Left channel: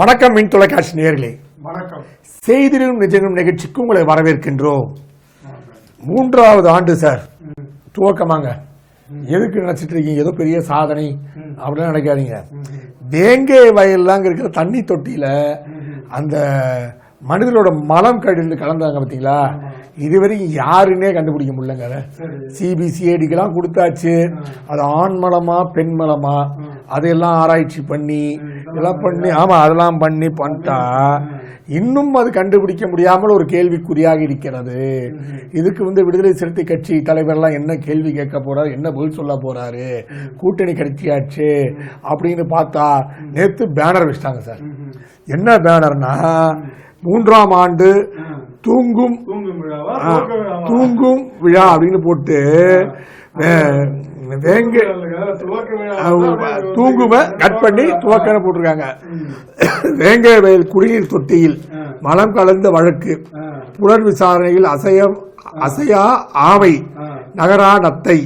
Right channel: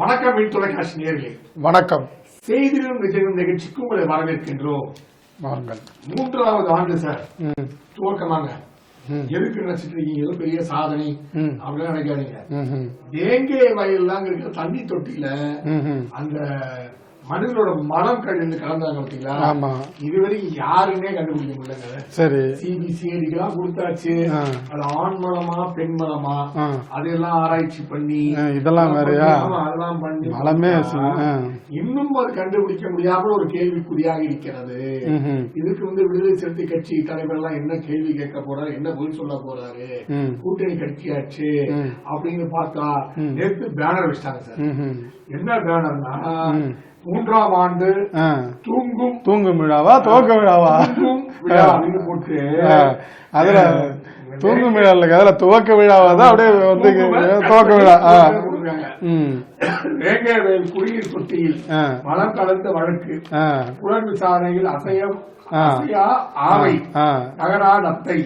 வணக்கம் மின் தொலைக்காட்சி நேயர்களே, வணக்கம். செய்திலும் நிஜமும் நிகழ்ச்சிக்கு உங்களை வரவேற்கின்றோம். வாருங்கள். 3வது ஆண்டு சார், துவக்கமாங்க. எதுக்கு நினைச்சிட்டு இருக்கீங்க ஏதோ பெரிய சாதனை அப்படின்னு நினைக்காதீங்க. வேங்கை வயல்லாம் இருக்கிற தண்ணி தொட்டியில அந்த மனிதனோட மலம் கழிந்து கலந்தாங்க பாத்தீங்களா, இதுவரைக்கும் யாருன்னே கண்டுபிடிக்க முடியலங்க. சரி, சிபிசிஐடிக்கெல்லாம் கொடுத்தாச்சு, அது ஆண் மலமா பெண் மலமா அதையெல்லாம் ஆராய்ச்சி பண்ணி இதெல்லாம் பண்ணி அதெல்லாம் பண்ணி பண்ணா இன்னும் அது கண்டுபிடிக்க முடியாமல் ஒரு கேள்விக்குறியாக இருக்கிறது. இதுக்கு விடுதலை சிறுத்தை கட்சி தலைவர் எல்லாம் என்ன கேள்வி கேட்க போறாரு, என்ன பதில் சொல்ல போறாரு, கூட்டணி கட்சியாச்சு அப்படின்னு பார்த்தா நேத்து பேனர் வச்சிட்டாங்க சார். என்ன பேனர்னா, 3ஆம் ஆண்டு தூங்கும் விழாவா துவக்க விழாவா தூங்கும் விழா அப்படின்னு போட்டு துவக்க விழாவா போட்டிருக்காங்க. வேங்கை வயல் குடிநீர் தொட்டியில் மலம் கலந்த வழக்கு, புலன் விசாரணையில் அசையா ஆவை நகரா நத்தை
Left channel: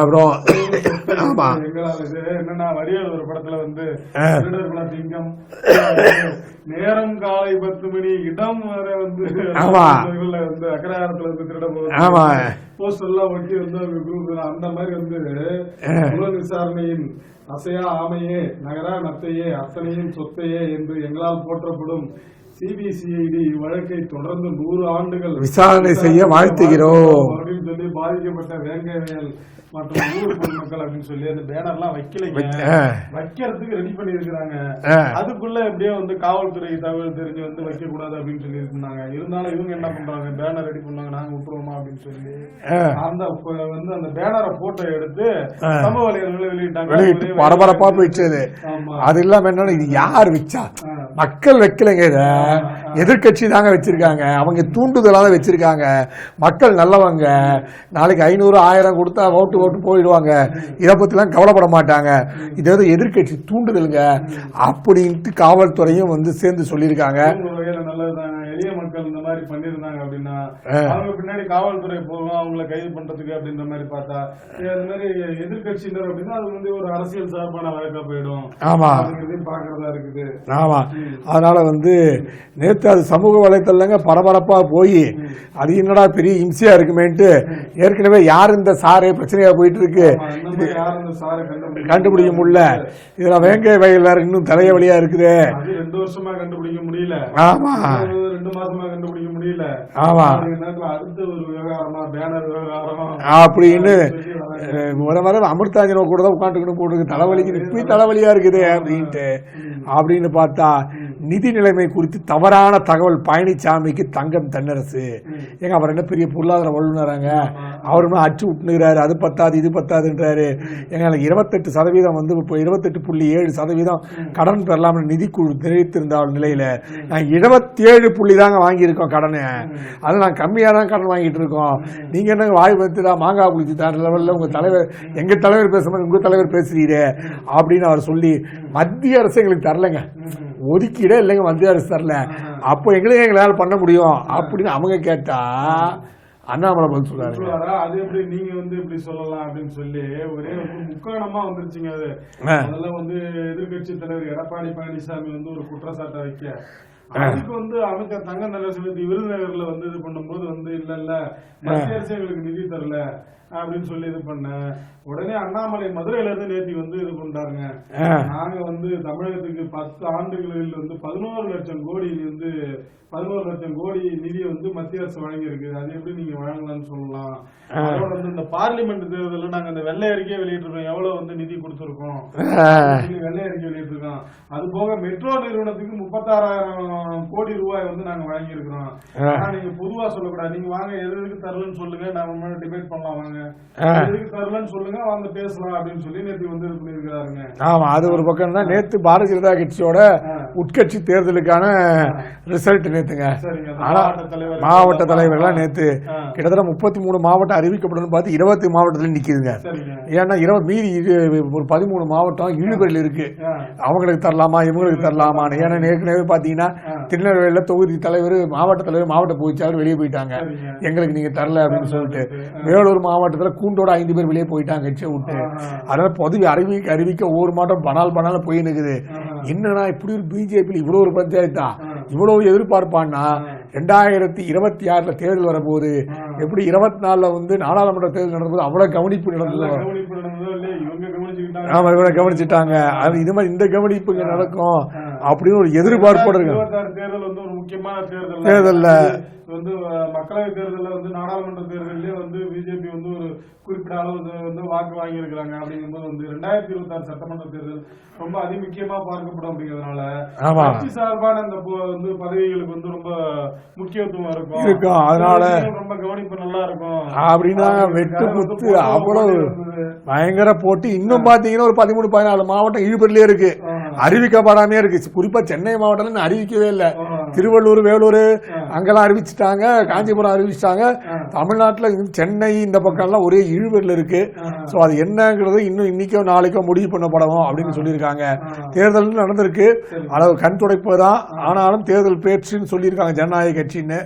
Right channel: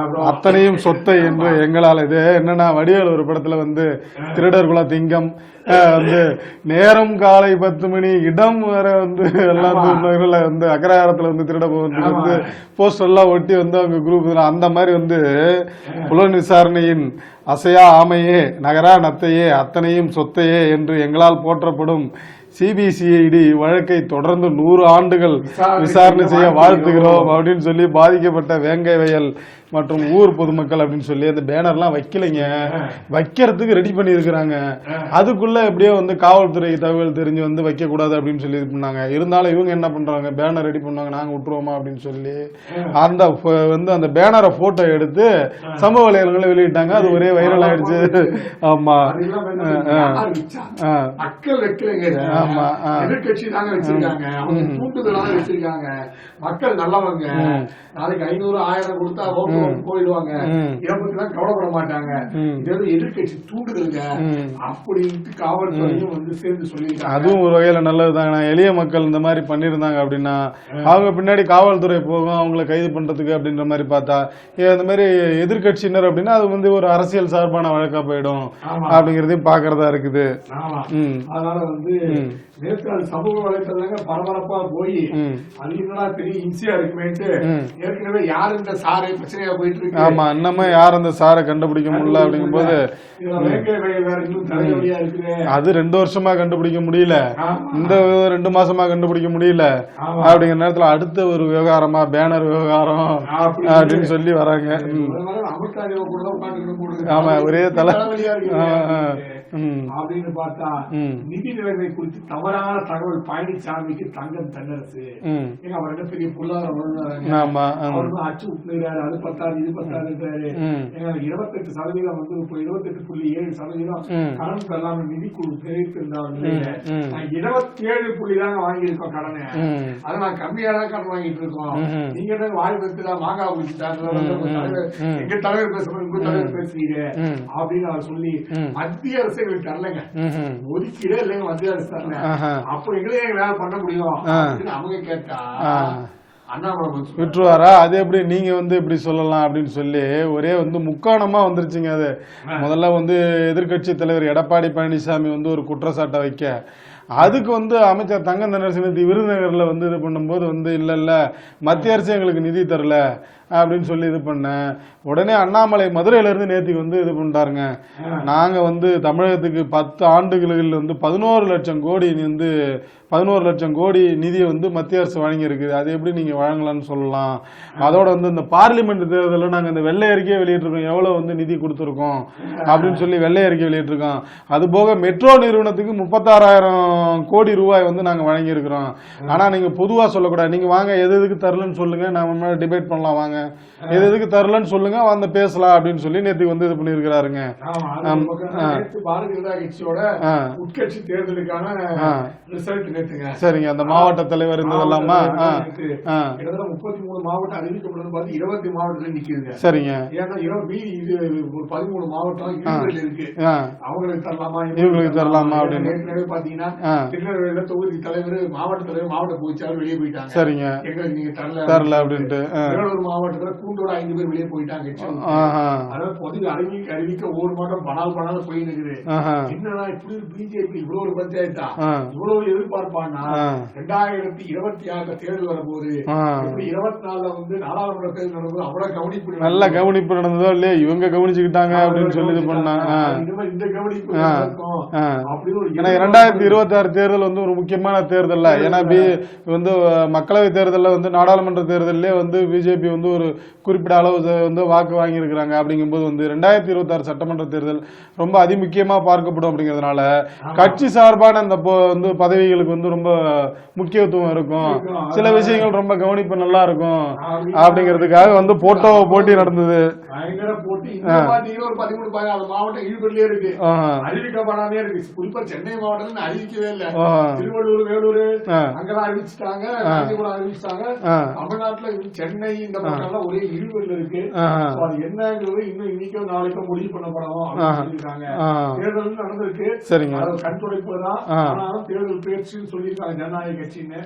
அத்தனையும் சொத்தை எங்களால. இது என்னன்னா, வடிவேல் ஒரு படத்துல திருடர் குல திங்கம் நேரம் காலை 10 மணி இடம் வர அக்ரஹாரத்துல திருட போது போஸ்டர் எல்லாம் ஒட்டி அவங்க குரூப் அந்த மாதிரி புலன் விசாரணையின் அசையா ஆமையே நகரா நத்தையே அத்தனையும் சொத்தையே என்று எங்களால் போற்றப்படும் சிபிசிஐடி வழக்கை தொடர்ந்து 100 ஆண்டுகள் விசாரணை வாழ்த்துகிறோம் அப்படின்னு சொல்லி பாதிக்கப்பட்ட வேங்கை வயல் மற்றும் ஊர் பொதுமக்கள் அப்படின்னு சொல்லி அந்த பேனர்லாம் வைக்கலைங்க, வைக்கிறதுக்கு ரெடி பண்ணி இருக்கிறாங்க. அதுக்குள்ள எப்படியோ காவல்துறை தகவல் தெரிஞ்சு வைக்க கூடாது அப்படின்னு சொல்லி இது பண்ணாங்க. இருந்தாலும் இவங்க என்ன பண்றாங்க, பேனர் ரெடி பண்ணுவாங்க, நாங்க விட்டுருவோமா அப்படின்னு சொல்லி அந்த பேனரை போட்டோ எடுத்து சமூக வலைதளங்களை வெளியிட்டாங்க. ஒரே ஆமா, அது இல்லாம என்ன யார் வச்சா, மக்கள் வைக்கலைங்க, எதிர்கட்சி தாங்க வச்சிருக்காங்க. அவங்க தூண்டுதலாக வச்சிருக்காங்க. மக்கள் நல்லவங்க, நாளைக்கு 500 1000 கொடுத்தா ஓட்டு போயிடுவாங்க, இதை பத்தி எல்லாம் கவலைப்பட மாட்டாங்க. இது எதிர்கட்சி தூண்டுதலுங்க அப்படின்ட்டு காவல்துறையும் சேர்ந்து சொல்லியிருக்காங்க. ஒரு வகையில நல்லதுதாங்க. எளிய மக்கள் இந்த மாதிரி பண்ணிருந்தாங்க அப்படின்னா அவங்க பின்னாடி காவல்துறை போகும் அவங்களை கைது பண்றதுக்கு அப்படின்ற மாதிரி பார்த்தா, இந்த மாதிரி எதிர்கட்சியினர் அப்படின்னா அது ஒரு அரசியல் சார்பான வழக்கா போயிடும் அப்படிங்கறதையும் பாக்குறதா இருக்குது. ஆமா, அதனால நேற்று அது சமூக வலைத்தளங்க பரபரப்பா போய் அது என்னடா பெரிய இம்சையா இருக்குமேட்டு, ஏற்கனவே யார் இந்த சாரு பிரச்சனையா போயிட்டு இருக்கு, இன்னும் யார் அந்த சாரை கண்டுபிடிக்க முடியல. இதுல வேங்கை வயல் இன்னும் தலைவலியா இருக்குது. அது 2 வருஷமா கண்டுபிடிக்க முடியல, 2 மாசமா கண்டுபிடிக்க முடியல. அப்படிங்கிற நேரத்துல அடுத்த ஒரு விவகாரமா பேனர் விவகாரம் அப்படின்னு சொல்லி வராங்க. அமிர்தாஞ்சல கூட தான் உட்காந்துக்கணும், ஒரே தலைவலியா இருக்குது அப்படின்னு பார்த்தா நிதி நிலைமை குறித்து தவறான தகவல் பழனிசாமிக்கு தங்கம் தென்னரசு. எங்க அவர் என்ன பெரிய பொருளாதார வல்லுநராங்க, அவருமே அச்சு விட்டுறாரு, அது பத்தாது இது பத்தாதுன்றாரு. எங்க 28% இப்போ 28.7% கடன் பெறலாம் நிதி குழு தெரிவித்திருந்த நிலையில நான் 27 தாங்க வாங்கியிருக்கோம் கடனை. அது நான் கம்மியா தான் கடன் வாங்கிட்டு இருக்கோம். நீங்க என்ன வாய் பத்துதா மாங்காய் குளிச்சுட்டாரு லெவல்ல உங்க தலைவர், எங்க தலைவர் பேசும்போது உங்க தலைவர் பேசுறீங்க அப்படின்னு அவர் சொல்லி மத்திய அரசு எங்களுக்கு தரலங்க, ஒதுக்கீடே இல்லைங்க, மத்திய அரசு தரல, அப்போ எங்களுக்கு எங்களால பண்ண முடியும் அப்படின்னு அவங்க கேட்டா அண்ணாமலை பெற்றுவாரா? அது எப்படி நீங்க இப்படி சொல்லலாம் அப்படின்னு சொல்லி ஒரே முக்காணமா வந்துருச்சுங்க. அது முதல்ல எதிர்கட்சி தலைவர் எடப்பாடி பழனிசாமி ஒரு குற்றச்சாட்டை வைக்க, அதுக்கு அமைச்சர் தங்கம் தென்னரசு விருதுநகர்ல இது பண்ணும்போது இல்ல மத்திய அரசு எங்களுக்கு நிதி தரல அப்படின்னு சொல்லி இது பண்ண உடனே அண்ணாமலை மதுரையில இருந்து நேத்திக்கு இது பண்ணிட்டாருங்க. நாங்க தமிழகத்துக்கு 10 ஆண்டுகளில் 11 லட்சம் கோடி 11 லட்சம் கோடி நிதியை மத்திய அரசு வழங்கி இருக்குது, அது எப்படி நீங்க வழங்கலாம்னு சொல்லலாம். அதோட இந்த பார்லிமெண்ட் தேர்தலில் நாங்க இந்த வெள்ளை அறிக்கையை வெளியிட்டிருக்கோம், எவ்வளவு நிதி கொடுத்துருக்கோம் அப்படின்னு சொல்லி வெள்ளை அறிக்கை வெளியிட்டிருக்கோம். அது போக மெட்ரோ நிறுவனத்துக்கு 36,000 கோடி ரூபாய் நாங்க வழங்கி இருக்கிறோம். ஆனா நீங்க பொதுவா சொல்லக்கூடாது, நீங்க வாங்க எதுக்கு தரலன்னு சொல்லுங்க, நாம டிபேட் பண்ணலாம், வாங்க எதுக்கு தரலன்னு சொல்லுங்க பேசலாம் அப்படின்னு சொல்லி நேற்று இது பண்ணிருக்கிறாருங்க. ஆமா, அது ஒரு பக்கம் தான். நேற்று பாரதிய ஜனதா கட்சியோட உட்கட்சி தேர்தலுக்கான ரிசல்ட் நேத்துங்க. சரிங்க. அந்த மாவட்ட தலைவர்கள் நேத்து கிட்டத்தட்ட 33 மாவட்டம் அறிவிக்கப்படும் பார்த்து 20 மாவட்டத்துல நிக்குதுங்க. சரிங்க. ஏன்னா மீதி ஒரு 13 மாவட்டம் இழுபறியில் இருக்கு. அவங்களுக்கு தரலாமா இவங்களுக்கு தரலாமா? ஏன்னா ஏற்கனவே பாத்தீங்கன்னா திருநெல்வேலியில தொகுதி தலைவர் மாவட்ட பொதுச்செயலாளர் வெளியே போயிட்டாங்க. சரிங்க. எங்களுக்கு நீங்க தரல அப்படின்ட்டு. வேலூர் மாவட்டத்துல கூண்டோட 5 பேர் வெளியே போயிட்டாங்க கட்சியை விட்டு. அதனால பதவி அறிவிக்க ஒவ்வொரு மாவட்டம் பணால் போய் நிக்குது. என்னன்னா இப்படி ஒரு பிஜேபி இவ்வளவு ஒரு பஞ்சாயத்தா இவ்வளவு எதிர்பார்ப்பான்னா 2026 தேர்தல் வரும்போது எப்படி 24 வந்து நாடாளுமன்ற தேர்தல் நடந்தது அவ்வளவு கவனிப்பு நடந்ததோ இல்லையா இவங்க கவனிச்சுக்கிட்டாங்க. அது இது மாதிரி இந்த கவனிப்பு நடக்கும் அப்படின்னு ஒரு எதிர்பார்ப்பு. 2026 தேர்தல் வந்து ஒரு முக்கியமான தேர்தல் வந்து மக்களவை தேர்தலில் வந்து நாடாளுமன்ற தேர்தலே வந்து பிஜேபி வந்து ஒரு குறிப்பிட்ட அளவு வந்து வாக்கு வாங்கியிருக்கிறாங்க. அப்படிங்கும்போது வந்து 2026 சட்டமன்ற தேர்தல் ரொம்ப அதிமுக்கியமா பார்க்கப்படும். அப்படிங்கிறதுனால கட்சி சார்பான அந்த வந்து பதவிகளுக்கு வந்து ரொம்ப முக்கியத்துவம் இருக்கும். சில விஷயங்கள் ரொம்ப கவனிப்பு நல்லா இருக்கும் அப்படிங்கிறதுக்காக வந்து போட்டி நடந்தது. பயங்கர போட்டி. இன்னும் பாத்தீங்கன்னா ஒரு 13-14 மாவட்டம் இழுபறிலே இருக்கு, அறிவிக்கப்படாமே இருக்கு. குறிப்பா சென்னை மாவட்டம் அறிவிக்கவே இல்லை. திருவள்ளூர், வேலூர் அங்கெல்லாம் அறிவிச்சுட்டாங்க, காஞ்சிபுரம் அறிவிச்சிட்டாங்க. தமிழ்நாட்டுல சென்னை இந்த பக்கம் எல்லாம் ஒரே இழுபறில இருக்கு. அது என்னங்கிறது இன்னும் இன்னைக்கோ நாளைக்கோ முடிவு பண்ணப்படவும் அப்படின்னு சொல்லியிருக்காங்க. தேர்தல் நடந்திருக்கு, அதாவது கண் துடைப்பதான். ஆனாலும் தேர்தல் பேச்சுன்னு சொல்லியிருக்காங்க ஜனநாயக கட்சின்னு.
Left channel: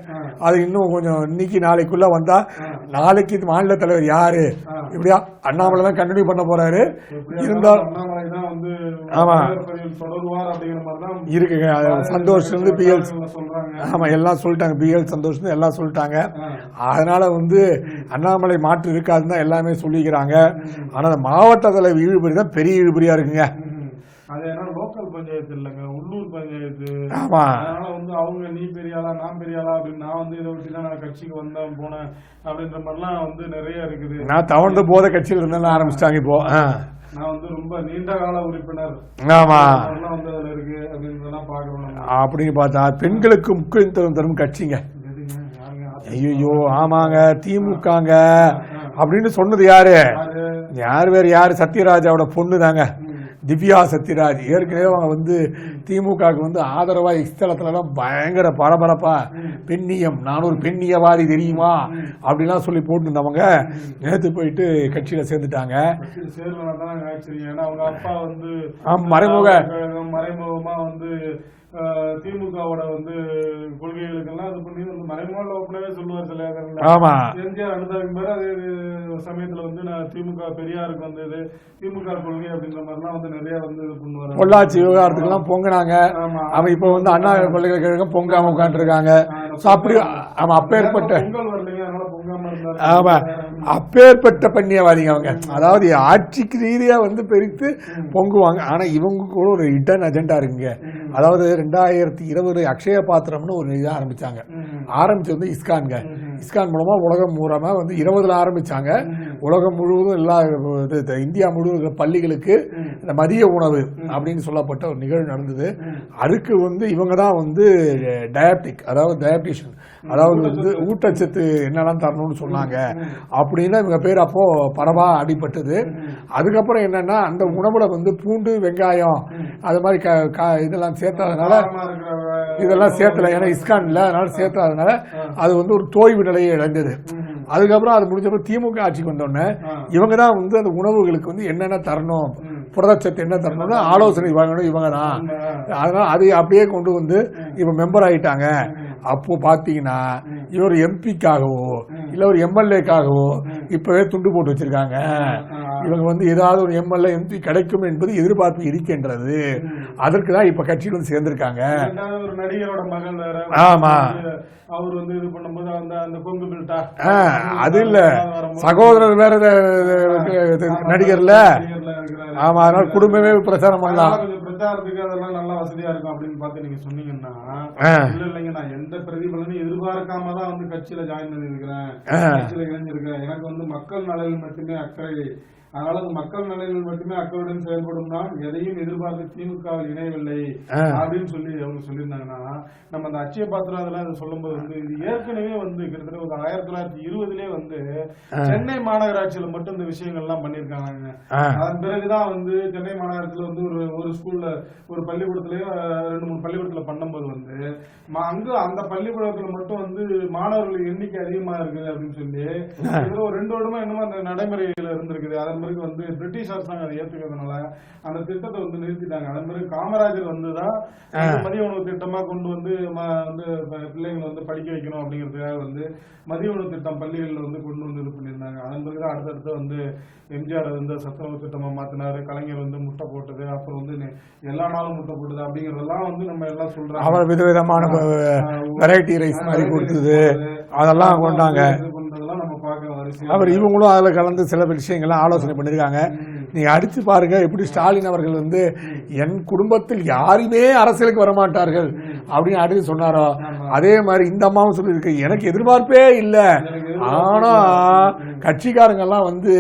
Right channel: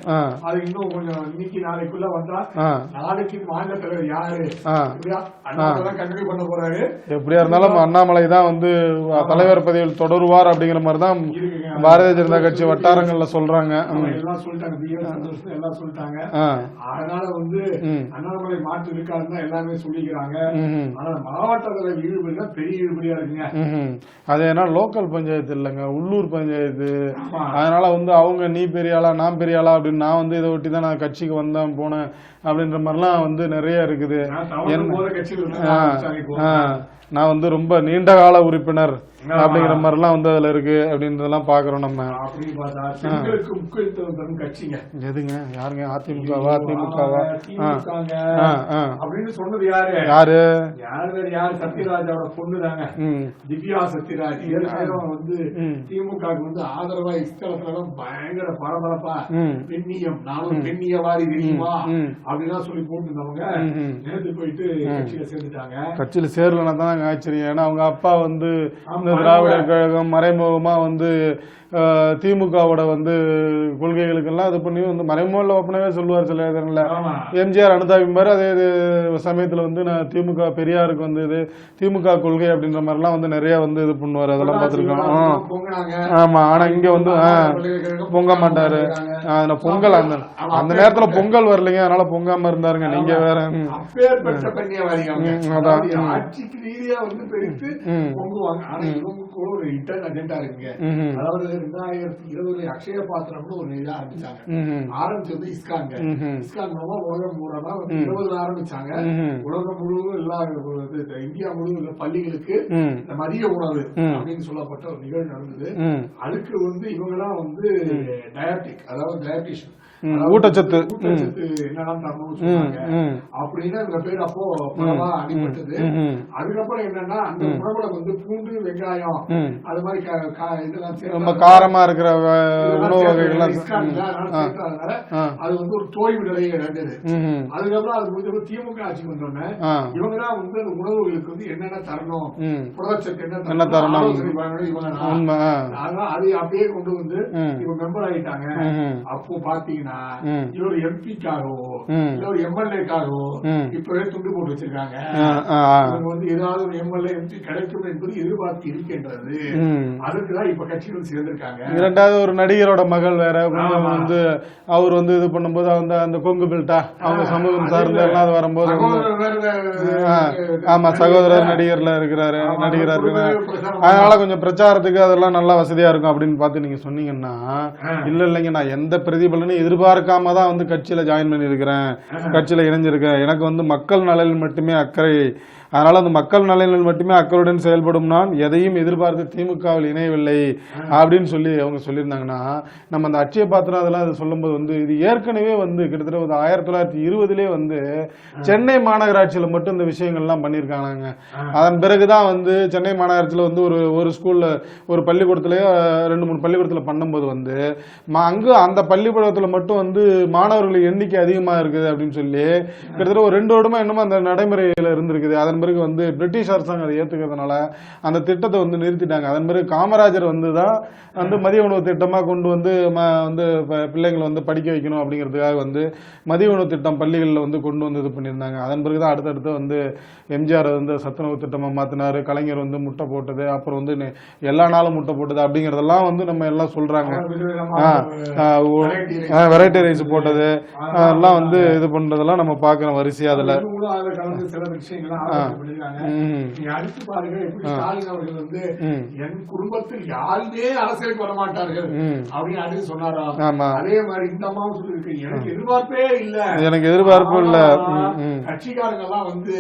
அது இன்னும் கொஞ்சம் இன்னைக்கு நாளைக்குள்ள வந்தா, நாளைக்கு மாநில தலைவர் யாரு இப்படியா அண்ணாமலை தான் கண்டினியூ பண்ண போறாரு. எப்படியா இருந்தாலும் அண்ணாமலை தான் வந்து தலைவர் பதவியில் தொடருவார் அப்படிங்கிற மாதிரி தான் இருக்குங்க பாரதிய ஜனதா கட்சி வட்டாரங்கள்ல சொல்றாங்க. ஆமா, எல்லாம் சொல்லிட்டாங்க. பிஎல் சந்தோஷ் எல்லாம் சொல்லிட்டாங்க. அதனால வந்து அண்ணாமலை மாற்று இருக்காதுன்னு எல்லாமே சொல்லிக்கிறாங்க. ஆனா மாவட்ட தலைவர் இழுபறி தான் பெரிய இழுபறியா இருக்குங்க. அது ஏன்னா லோக்கல் பஞ்சாயத்து இல்லைங்க, உள்ளூர் பஞ்சாயத்து. அதனால வந்து அவங்க நீ பெரிய ஆளா நான் பெரிய ஆளா அப்படின்னு நான் வந்து இதை ஒட்டி தான் நான் கட்சிக்கு வந்தேன் போனேன் அப்படின்ற மாதிரிலாம் வந்து நிறைய இருக்குது. நான் தவழ்ந்து போத கட்சியில் இருந்தேன் ஆரம்பிச்சிட்டாங்க. இப்போ நான் வந்து ரொம்ப நீண்ட கால உறுப்பினர் மாதிரிலாம் வந்து அதுல இருக்கு அப்படின்றதெல்லாம் பாக்குறோம் நம்ம. அப்படின்னு பார்த்தா பெண்களுக்கு முக்கியத்துவம் தரும் கட்சிங்க எதுங்க? யாருங்க? ஆமாங்க, திமுகங்க அப்படின்னு சொன்னது யாரு வேற யாரு? சத்யராஜாவோட பொண்ணு தாங்க, திவ்யா சத்யராஜ். ஏற்கனவே அவங்க வந்து திமுக வந்து ஆதரவா இஸ்தலத்துல எல்லாம் பயங்கர பரபரப்பா பெண்ணியம், நான் ஒரு பெண்ணியவாதி தெரியுமா அப்படிலாம் சொல்லி போட்டு இருந்தவங்க நேத்து போயிட்டு கட்சியில சேர்ந்துட்டாங்க. கட்சியில சேரலன்னா தான் ஆச்சரியம். ஏன்னா அவங்க அப்பா வந்து மறைமுகமா வந்து திமுகவோட வந்து கொள்கைகளுக்கெல்லாம் அது பண்ணி வந்து மறைமுக ஒப்பனவே சொல்லுவார் சில இடங்கள்ல. எம்ஜிஆர் அனுதாபிம்பாரு, அதே சமயத்துல வந்து நான் திமுக பெரியாருக்கு வந்து இது திமுக கொள்கை அப்படின்ற மாதிரி எல்லாம் வந்து நிறைய வந்து இது பண்ணுவாரு. பொங்கினாங்க. ஆமா, ஆனா இங்க வந்து பொங்க மாட்டாரு. அந்த நேரத்துல பொங்கல் வரலைங்க, அதனால பொங்காம இருந்தாருங்க. அப்பேற்பட்ட பண்ணியவாதிங்க அவங்க. அதாவது ஆட்சிக்கு ரீதியா வந்து பெருத்து பொங்குவாங்க. ஆனா இவங்க கூட ஒரு ஹிடன் அஜெண்டா இருக்குங்க. அதாவது 2020 அக்ஷய பாத்திரம்னு ஒரு இதை ஆரம்பிச்சாங்க. ஆரம்பிச்சு வந்து இஸ்கான் மூலமா உலகம் மூலமா வந்து 20 ஆரம்பிச்சாங்க. உலகம் முழுவதும் எல்லா இந்தியா முழுவதும் பள்ளிகளுக்கு இந்த மதிய உணவு அப்படின்னு சொல்லப்பட்ட ஒரு நிகழ்வு நடந்தது. அதுக்கு வந்து இவங்க தான் வந்து டயபெட்டிக், அதாவது டயபெட்டிஷியன், அதாவது ஊட்டச்சத்து என்னெல்லாம் தரணும்னு சொன்னாங்க. அப்படின்னா இவங்க பேர் அப்போ பரவா அடிபட்டது. அதுக்கப்புறம் என்னன்னா அந்த உணவுல வந்து பூண்டு, வெங்காயம் அது மாதிரி இதெல்லாம் சேர்த்தா காரமா இருக்கிற இதெல்லாம் சேர்த்துல இஸ்கான்ல அதனால சேர்த்தாதனால அது வந்து ஒரு தோய்வு நிலையை இழந்தது. அதுக்கப்புறம் அது முடிஞ்சப்ப திமுக ஆட்சிக்கு வந்தோடனே இவங்க தான் வந்து அந்த உணவுகளுக்கு வந்து என்னென்ன தரணும், புரதச்சத்து என்ன தரணும் ஆலோசனை வாங்கணும் இவங்க தான். அதனால அதை அப்படியே கொண்டு வந்து இப்ப மெம்பர் ஆயிட்டாங்க. அப்போ பாத்தீங்கன்னா இவர் எம்பிக்காகவோ இல்ல ஒரு எம்எல்ஏக்காகவோ இப்பவே துண்டு போட்டு வச்சிருக்காங்க. இவங்க வந்து ஏதாவது ஒரு எம்எல்ஏ எம்பி கிடைக்கும் என்பது எதிர்பார்ப்பு இருக்கின்றது. அதற்குதான் இப்ப கட்சியில் சேர்ந்திருக்காங்க. இரண்டாவது ஒரு நடிகரோட மகள் வேற வந்து அவர் வந்து இது பண்ணும்போது அந்த கொங்கு பெல்ட்டா அது இல்ல சகோதரர் வேற நடிகர்ல இருக்கிறாரு. குடும்பமே பிரச்சாரம், அதனால கொஞ்சம் பிரச்சாரத்துக்கு அதெல்லாம் நல்லா வசதியா இருக்கும் அப்படின்னு பார்த்து நீங்க சொன்னீங்கன்னா இல்லைங்க நான் எந்த பிரதிபலனும் எதிர்பார்க்காம தான் வந்து கட்சியில ஜாயின் பண்ணி இருக்கிறேன், கட்சியில இணைஞ்சிருக்கேன், எனக்கு வந்து மக்கள் நலனில் மட்டுமே அக்கறை அதனால அந்த மக்கள் நலனில் மட்டுமே அக்கறையுடன் செயல்படும் நான் எதையும் எதிர்பார்த்து திமுகவில் இணையவில்லை அப்படின்னு சொல்லி அவங்க சொல்லியிருந்தாங்கன்னா, நம்ம அந்த அட்சய பாத்திரம் அதெல்லாம் அது சொல்லும்போது வந்து இது ஏற்கனவே வந்து கிட்டத்தட்ட ஒரு 1920 வந்து சென்னை மாநகராட்சியில மட்டும் இந்த விஷயங்கள்லாம் பண்ணியிருக்காங்க. அதன் பிறகுதான் வந்து சென்னை மாநகராட்சியில வந்து ஒரு ஸ்கூல்ல ஒரு பள்ளிக்கூடத்திலேயே 2-3 பள்ளிக்கூடத்துல பண்ணும்போது வந்து அங்கு அந்த பள்ளிக்கூடத்துல மட்டும் வந்து மாணவர்கள் எண்ணிக்கை அதிகமா இருக்குது அப்படின்னு சொல்லி கிட்டத்தட்ட ஒரு 2 வருடமா என்னமோ அந்த நடைமுறையில இருந்திருக்குது. அதன் பிறகு வந்து பிரிட்டிஷ் அரசாங்கம் அதை ஏத்துக்கிறதுனால அந்த திட்டத்தை வந்து நிறுத்திட்டாங்க. அதன் பிறகு காமராஜர் வந்துதான் வந்து மதிய உணவு திட்டமா கொண்டு வந்து வந்து பிள்ளைங்களை வந்து படிக்க வைக்கணும் அப்படிங்கிறதுக்காக வந்து மதிய உணவு திட்டம் பள்ளிகளில் வந்து கொண்டு வந்து இது பண்ணியிருந்தாங்க. அதன் பிறகுதான் அடுத்தடுத்து வந்து எம்ஜிஆர் வந்து சத்துணவு திட்டமா மாத்தினாரு, கலைஞர் வந்து முட்டை போட்டது, அப்புறம் வந்து எல்லா நாளும் முட்டை போட்டது அப்படிங்கறதெல்லாம் வந்து நம்ம எல்லாம் சொல்றாங்க. வெரைட்டி ரைஸ் போட்டது அதெல்லாம் வந்து இது பண்றதெல்லாம் நம்ம பாக்குறோம் வரிசையா. இவங்களும் அதுல கலந்து சில விஷயங்கள்லாம் ஆலோசனை பண்ணிருக்காங்க. நீங்க அடிச்சு பாருங்க எப்படி ஸ்டாலின் அவர்கள் வந்து என் குடும்பத்தில் யாருமே அரசியலுக்கு வரமாட்டார்கள் அப்படின்னு அடுத்து சொன்னாரோ, அதே மாதிரி இந்த அம்மாவும் சொல்லிருக்கு எனக்கு எதிர்பார்ப்பே இல்ல, எனக்கு எதிர்பார்ப்பு இல்ல, கட்சிக்காரங்க எல்லாம் வந்து